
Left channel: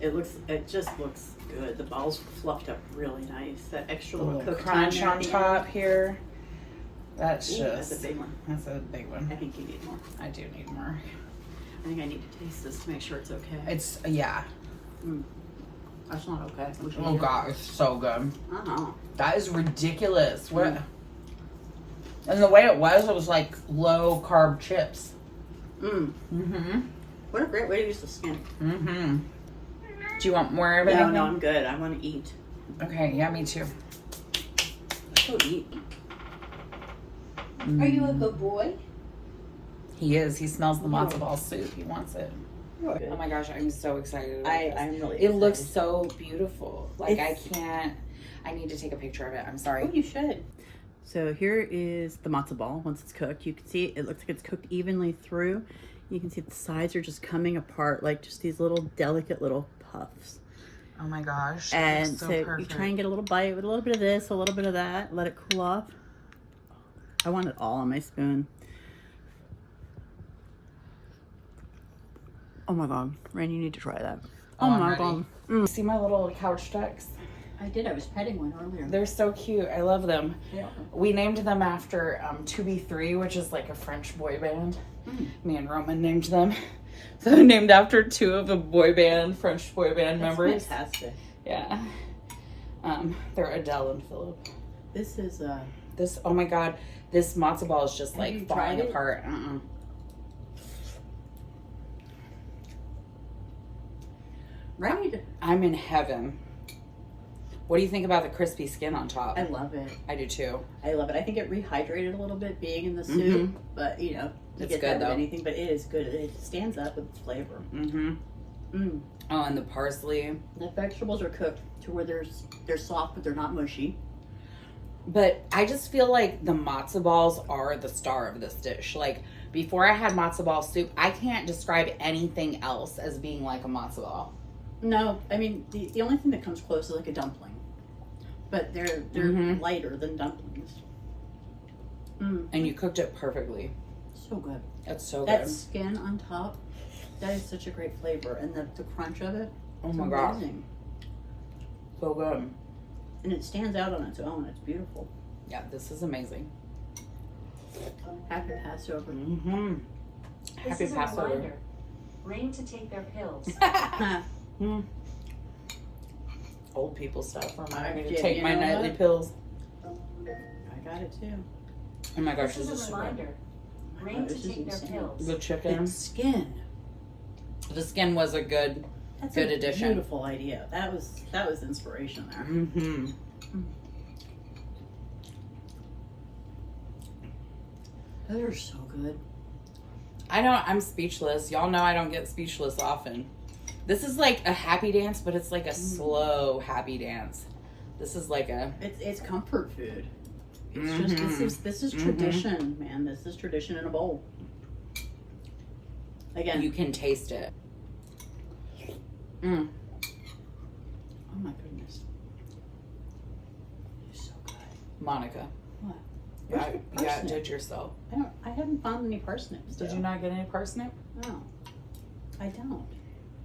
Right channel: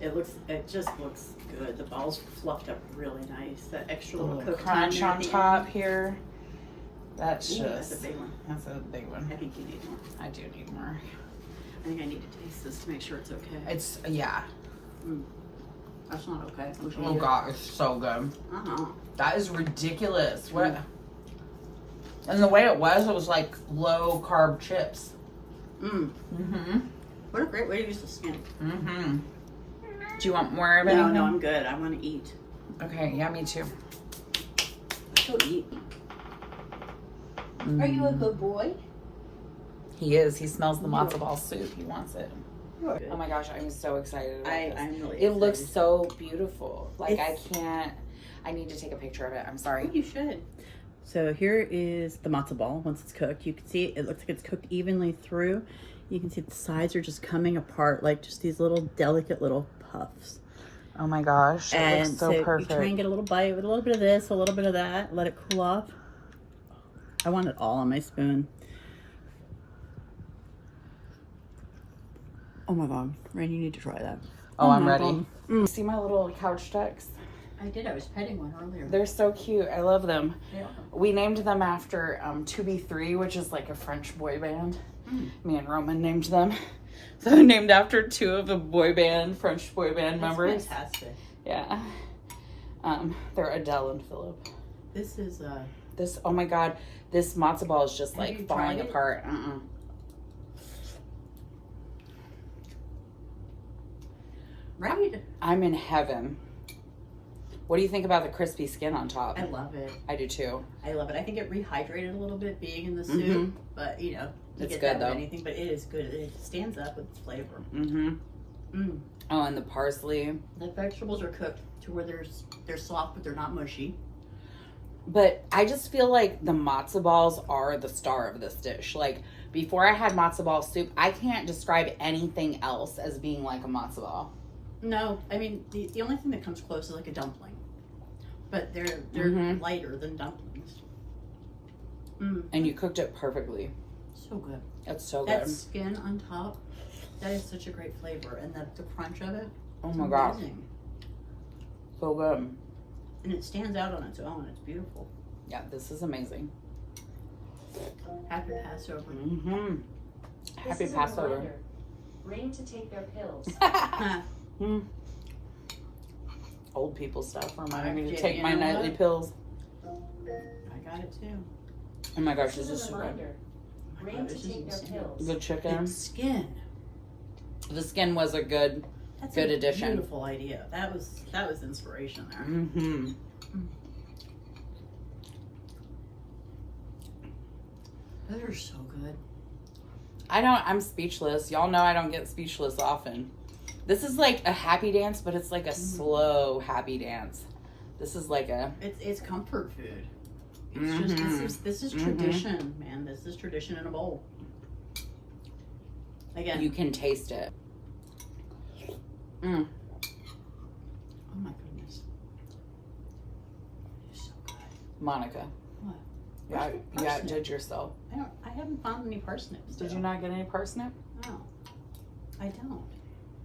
Yeah. It just looks good. The ball's fluffed up really nice. That extra A little little cooked crunch time there on at the top end. here. That's Ooh, just, that's a big one. that's a big one. I think you need more. I do need more. I think I need to taste this to make sure it's okay. It's, yeah. That's not okay. We should Oh eat it. God, it's so good. Uh-huh. That is ridiculous. What? And the way it was like low carb chips. Mm-hmm. What a great way to use the skin. Mm-hmm. Do you want more of No, anything? no, I'm good. I want to eat. Okay, yeah, me too. Let's go eat. Are you a good boy? He is. He smells the matzo ball soup. He wants it. Good. Oh my gosh, I'm so excited about this. I'm really It looks excited. so beautiful. Like I need to take a picture of it. I'm sorry. Oh, you should. So here is the matzo ball. Once it's cooked, you can see it looks like it's cooked evenly through. You can see the sides are just coming apart, like just these little delicate little puffs. Oh my gosh, it And looks so so perfect. you try and get a little bite with a little bit of this, a little bit of that, let it cool off. I want it all on my spoon. Oh my God, Rain, you need to try that. Oh, I'm my ready. God. See my little couch ducks? I did, I was petting one earlier. They're so cute. I love them. Yeah. We named them after 2B3, which is like a French boy band. Me and Roman named them. So they're named after two of the French boy band That's members. fantastic. Yeah. They're Adele and Philip. This is This, oh my God, this matzo ball is just Have you like tried falling it? apart. right. I'm in heaven. What do you think about the crispy skin on top? I love it. I do too. I love it. I think it rehydrated a little bit being in the soup, Mhm. but you know, you It's get good, that with though. anything, but it is good. It stands up with its flavor. Oh, and the parsley. The vegetables are cooked to where they're soft, but they're not mushy. But I just feel like the matzo balls are the star of this dish. Like, before I had matzo ball soup, I can't describe anything else as being like a matzo ball. No, I mean, the only thing that comes close is like a dumpling. But they're lighter than dumplings. And you cooked it perfectly. So good. It's so good. That skin on top, that is such a great flavor. And the crunch of it, Oh it's my God. amazing. So good. And it stands out on its own. It's beautiful. Yeah, this is amazing. Happy Passover. Happy Passover. Ring to take their pills. Old people stuff. Remind me to Yeah, take you my know nightly what? pills. I got it too. Oh my gosh, This this is is a so good. reminder. Ring this to is take their insane. pills. The chicken. It's skin. The skin was a good. That's Good a addition. beautiful idea. That was inspiration there. Those are so good. I'm speechless. Y'all know I don't get speechless often. This is like a happy dance, but it's like a slow happy dance. This is like a. It's comfort food. It's just this is tradition, man. This is tradition in a bowl. Again, You can taste it. oh my goodness, it's so good. Monica. What? Yeah, Where's the yeah, parsnip? did yourself. I haven't found any parsnips. Did though. you not get any parsnip? No, I don't.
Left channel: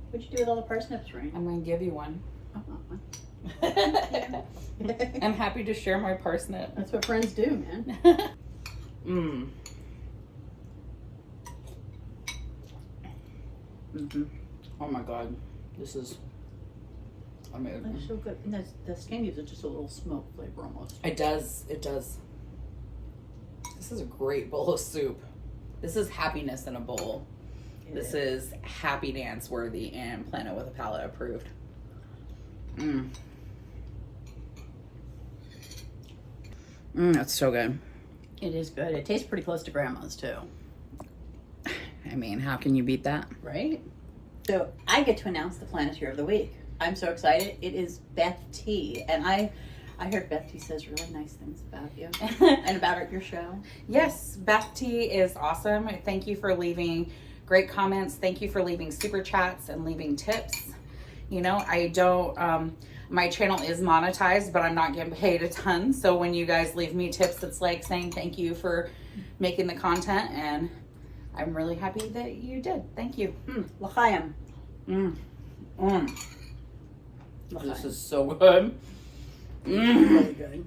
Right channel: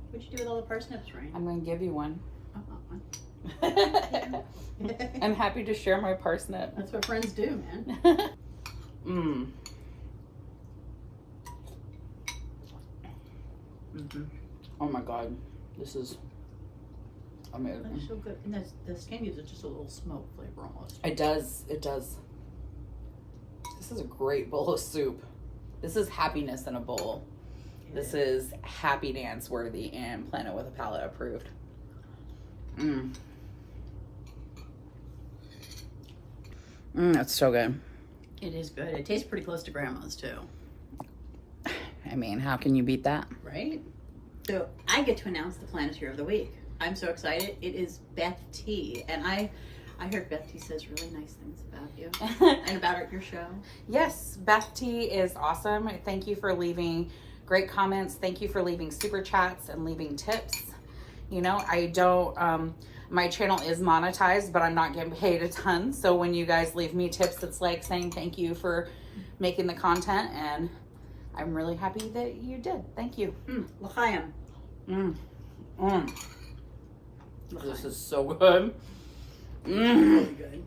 What'd you do with all the parsnips, Rain? I'm gonna give you one. I want one. I'm happy to share my parsnip. That's what friends do, man. Oh my God, this is amazing. That's so good. And the skin gives it just a little smoke flavor almost. It does. It does. This is a great bowl of soup. This is happiness in a bowl. This is happy dance worthy and Planet with a Palate approved. That's so good. It is good. It tastes pretty close to grandma's too. I mean, how can you beat that? Right? So I get to announce the Planeteer of the Week. I'm so excited. It is Beth T. And I heard Beth T says really nice things about you and about your show. Yes, Beth T is awesome. Thank you for leaving great comments. Thank you for leaving super chats and leaving tips. You know, I don't, my channel is monetized, but I'm not getting paid a ton. So when you guys leave me tips, it's like saying thank you for making the content. And I'm really happy that you did. Thank you. L'chaim. This is so good. Really good.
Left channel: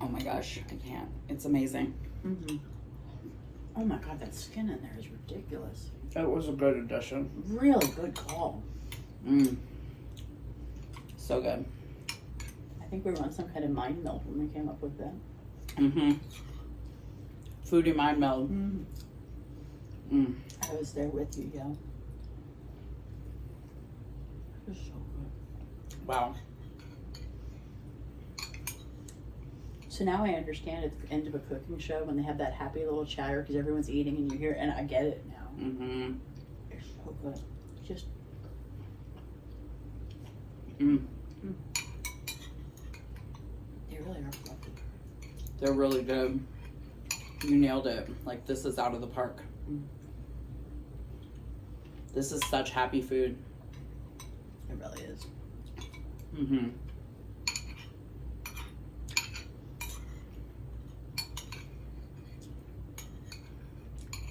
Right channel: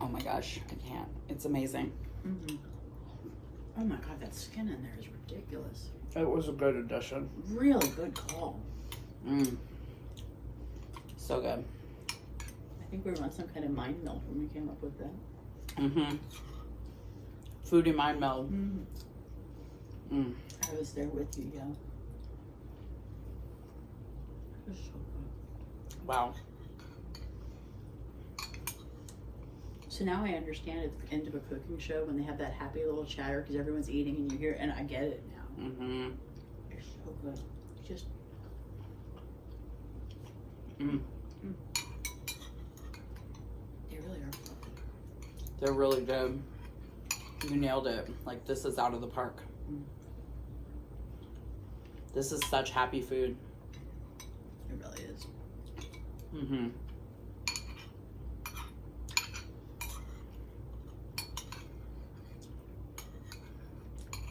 Oh my gosh, I can't. It's amazing. Oh my God, that skin in there is ridiculous. It was a good addition. Really good call. So good. I think we were on some kind of mind meld when we came up with that. Foodie mind meld. I was there with you, yeah. It was so good. Wow. So now I understand at the end of a cooking show when they have that happy little chatter because everyone's eating and you hear, and I get it now. It's so good. It's just. They really are fluffy. They're really good. You nailed it. Like, this is out of the park. This is such happy food. It really is.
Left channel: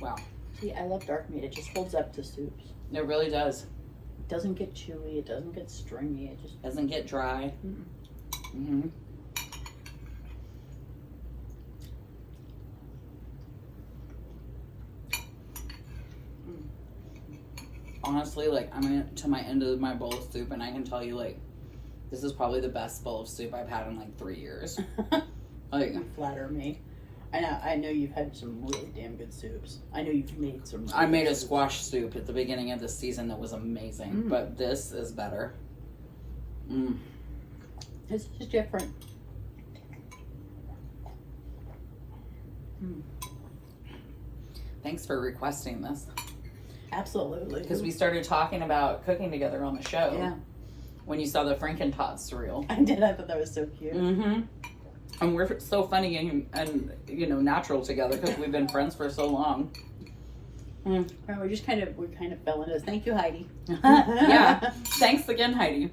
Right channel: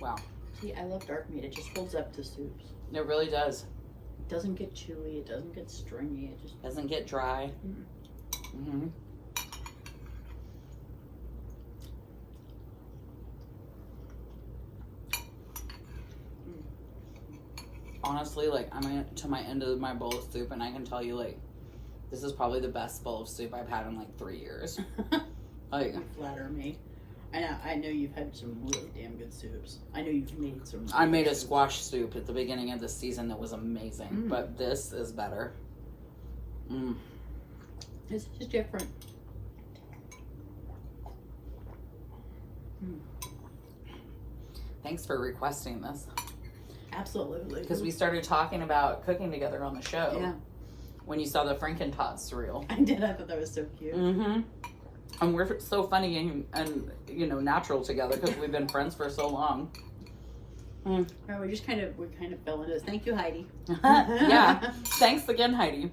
Wow. See, I love dark meat. It just holds up to soups. It really does. It doesn't get chewy. It doesn't get stringy. It just Doesn't get dry. Honestly, like, I'm to my end of my bowl of soup, and I can tell you, like, this is probably the best bowl of soup I've had in like 3 years. Like, flatter me. I know you've had some really damn good soups. I know you've made some. I made a squash soup at the beginning of the season that was amazing, but this is better. It's just different. Thanks for requesting this. Absolutely. Because we started talking about cooking together on the show. Yeah. When you saw the Frankentot reel. I did. I thought that was so cute. And we're so funny and you know, natural together because we've been friends for so long. And we kind of fell into this. Thank you, Heidi. Yeah. Thanks again, Heidi.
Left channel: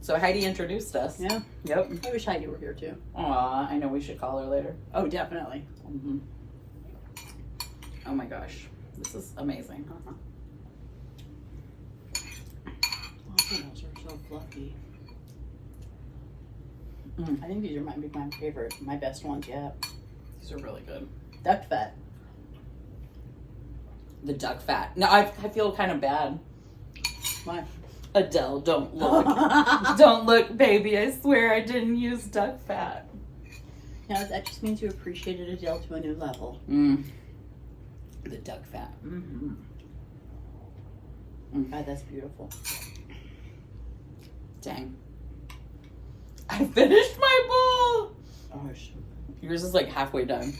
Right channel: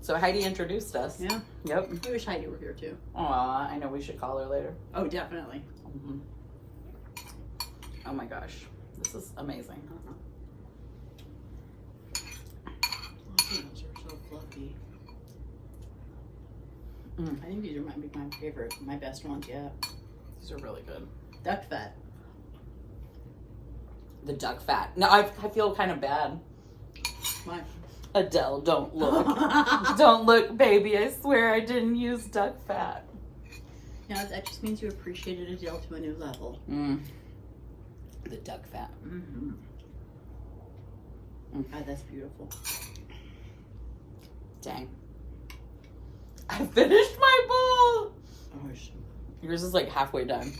So Heidi introduced us. Yeah. Yep. I wish Heidi were here too. Aw, I know we should call her later. Oh, definitely. Mm-hmm. Oh my gosh. This is amazing. Those are so fluffy. Mm. I think these might be my favorite, my best ones yet. These are really good. Duck fat. The duck fat. No, I feel kind of bad. Why? Adele, don't look. Don't look, baby. I swear I didn't use duck fat. No, that just means you appreciated Adele to a new level. Mm. The duck fat. Mm-hmm. God, that's beautiful. Dang. I finished my bowl. Gosh. Yours is like halfway done.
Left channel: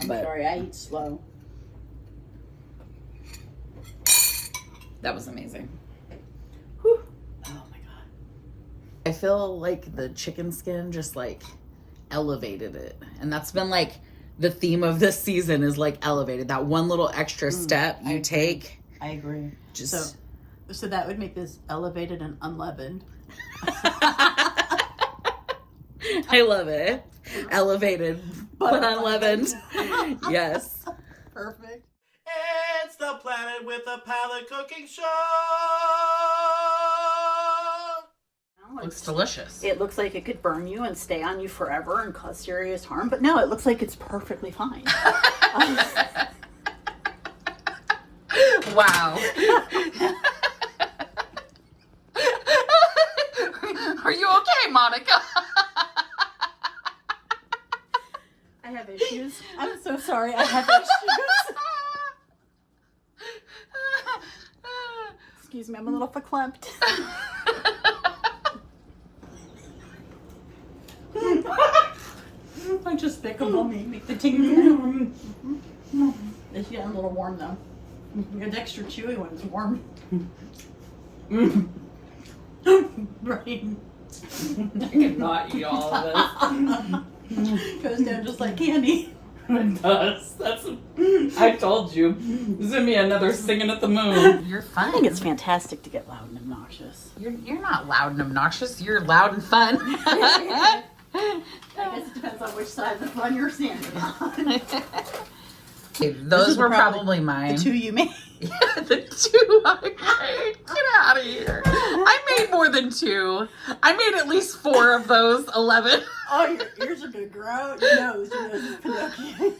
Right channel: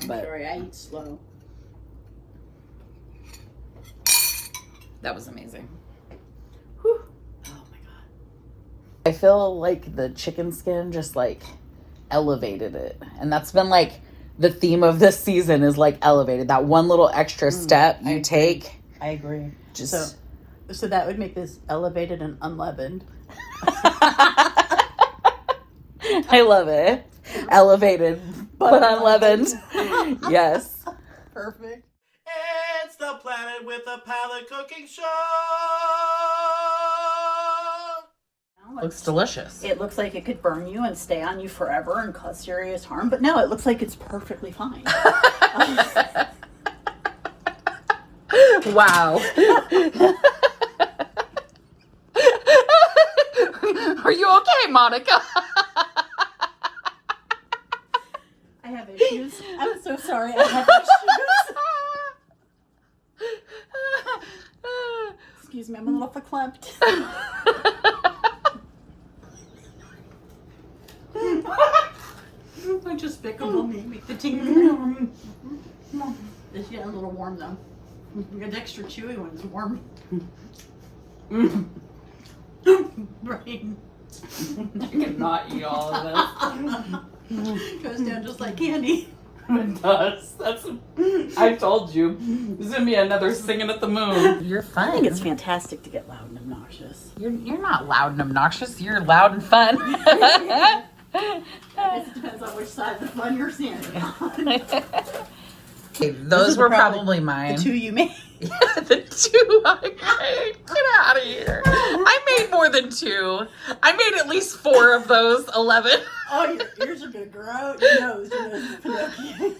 I'm But sorry, I eat slow. that was amazing. Oh my God. I feel like the chicken skin just like elevated it. And that's been like the theme of this season is like elevated. That one little extra step you take. I agree. Just So that would make this elevated and unleavened. I love it. Elevated but unleavened. Yes. Perfect. It's the Planet with a Palate cooking show. Looks delicious. It looks like it could burn you and stay on you forever and cause serious harm, but no, it looks like it's perfectly fine. Wow. Are you okay, Monica? I have issues. I'm so sorry. I have issues. Excuse me, I'm a little verklempt. I just despicable me. Make the ting. It's getting a little warm though. The extra chewy one's warm. Right. I cannot eat all of this. Goes down just like candy. It does. I told you. This is gonna be another singing at the moon. You're fun. I think it's fantastic to get loud and obnoxious. You're not loud and obnoxious. You're loud and fun. I guess it depends on which side of the fun you're standing on. Okay, those were probably mine. The two you made. The two I made. Get out of here. I made more than two. I made at least 4 of those 11. Oh, your ears are gonna grow. Your nose is Pinocchio.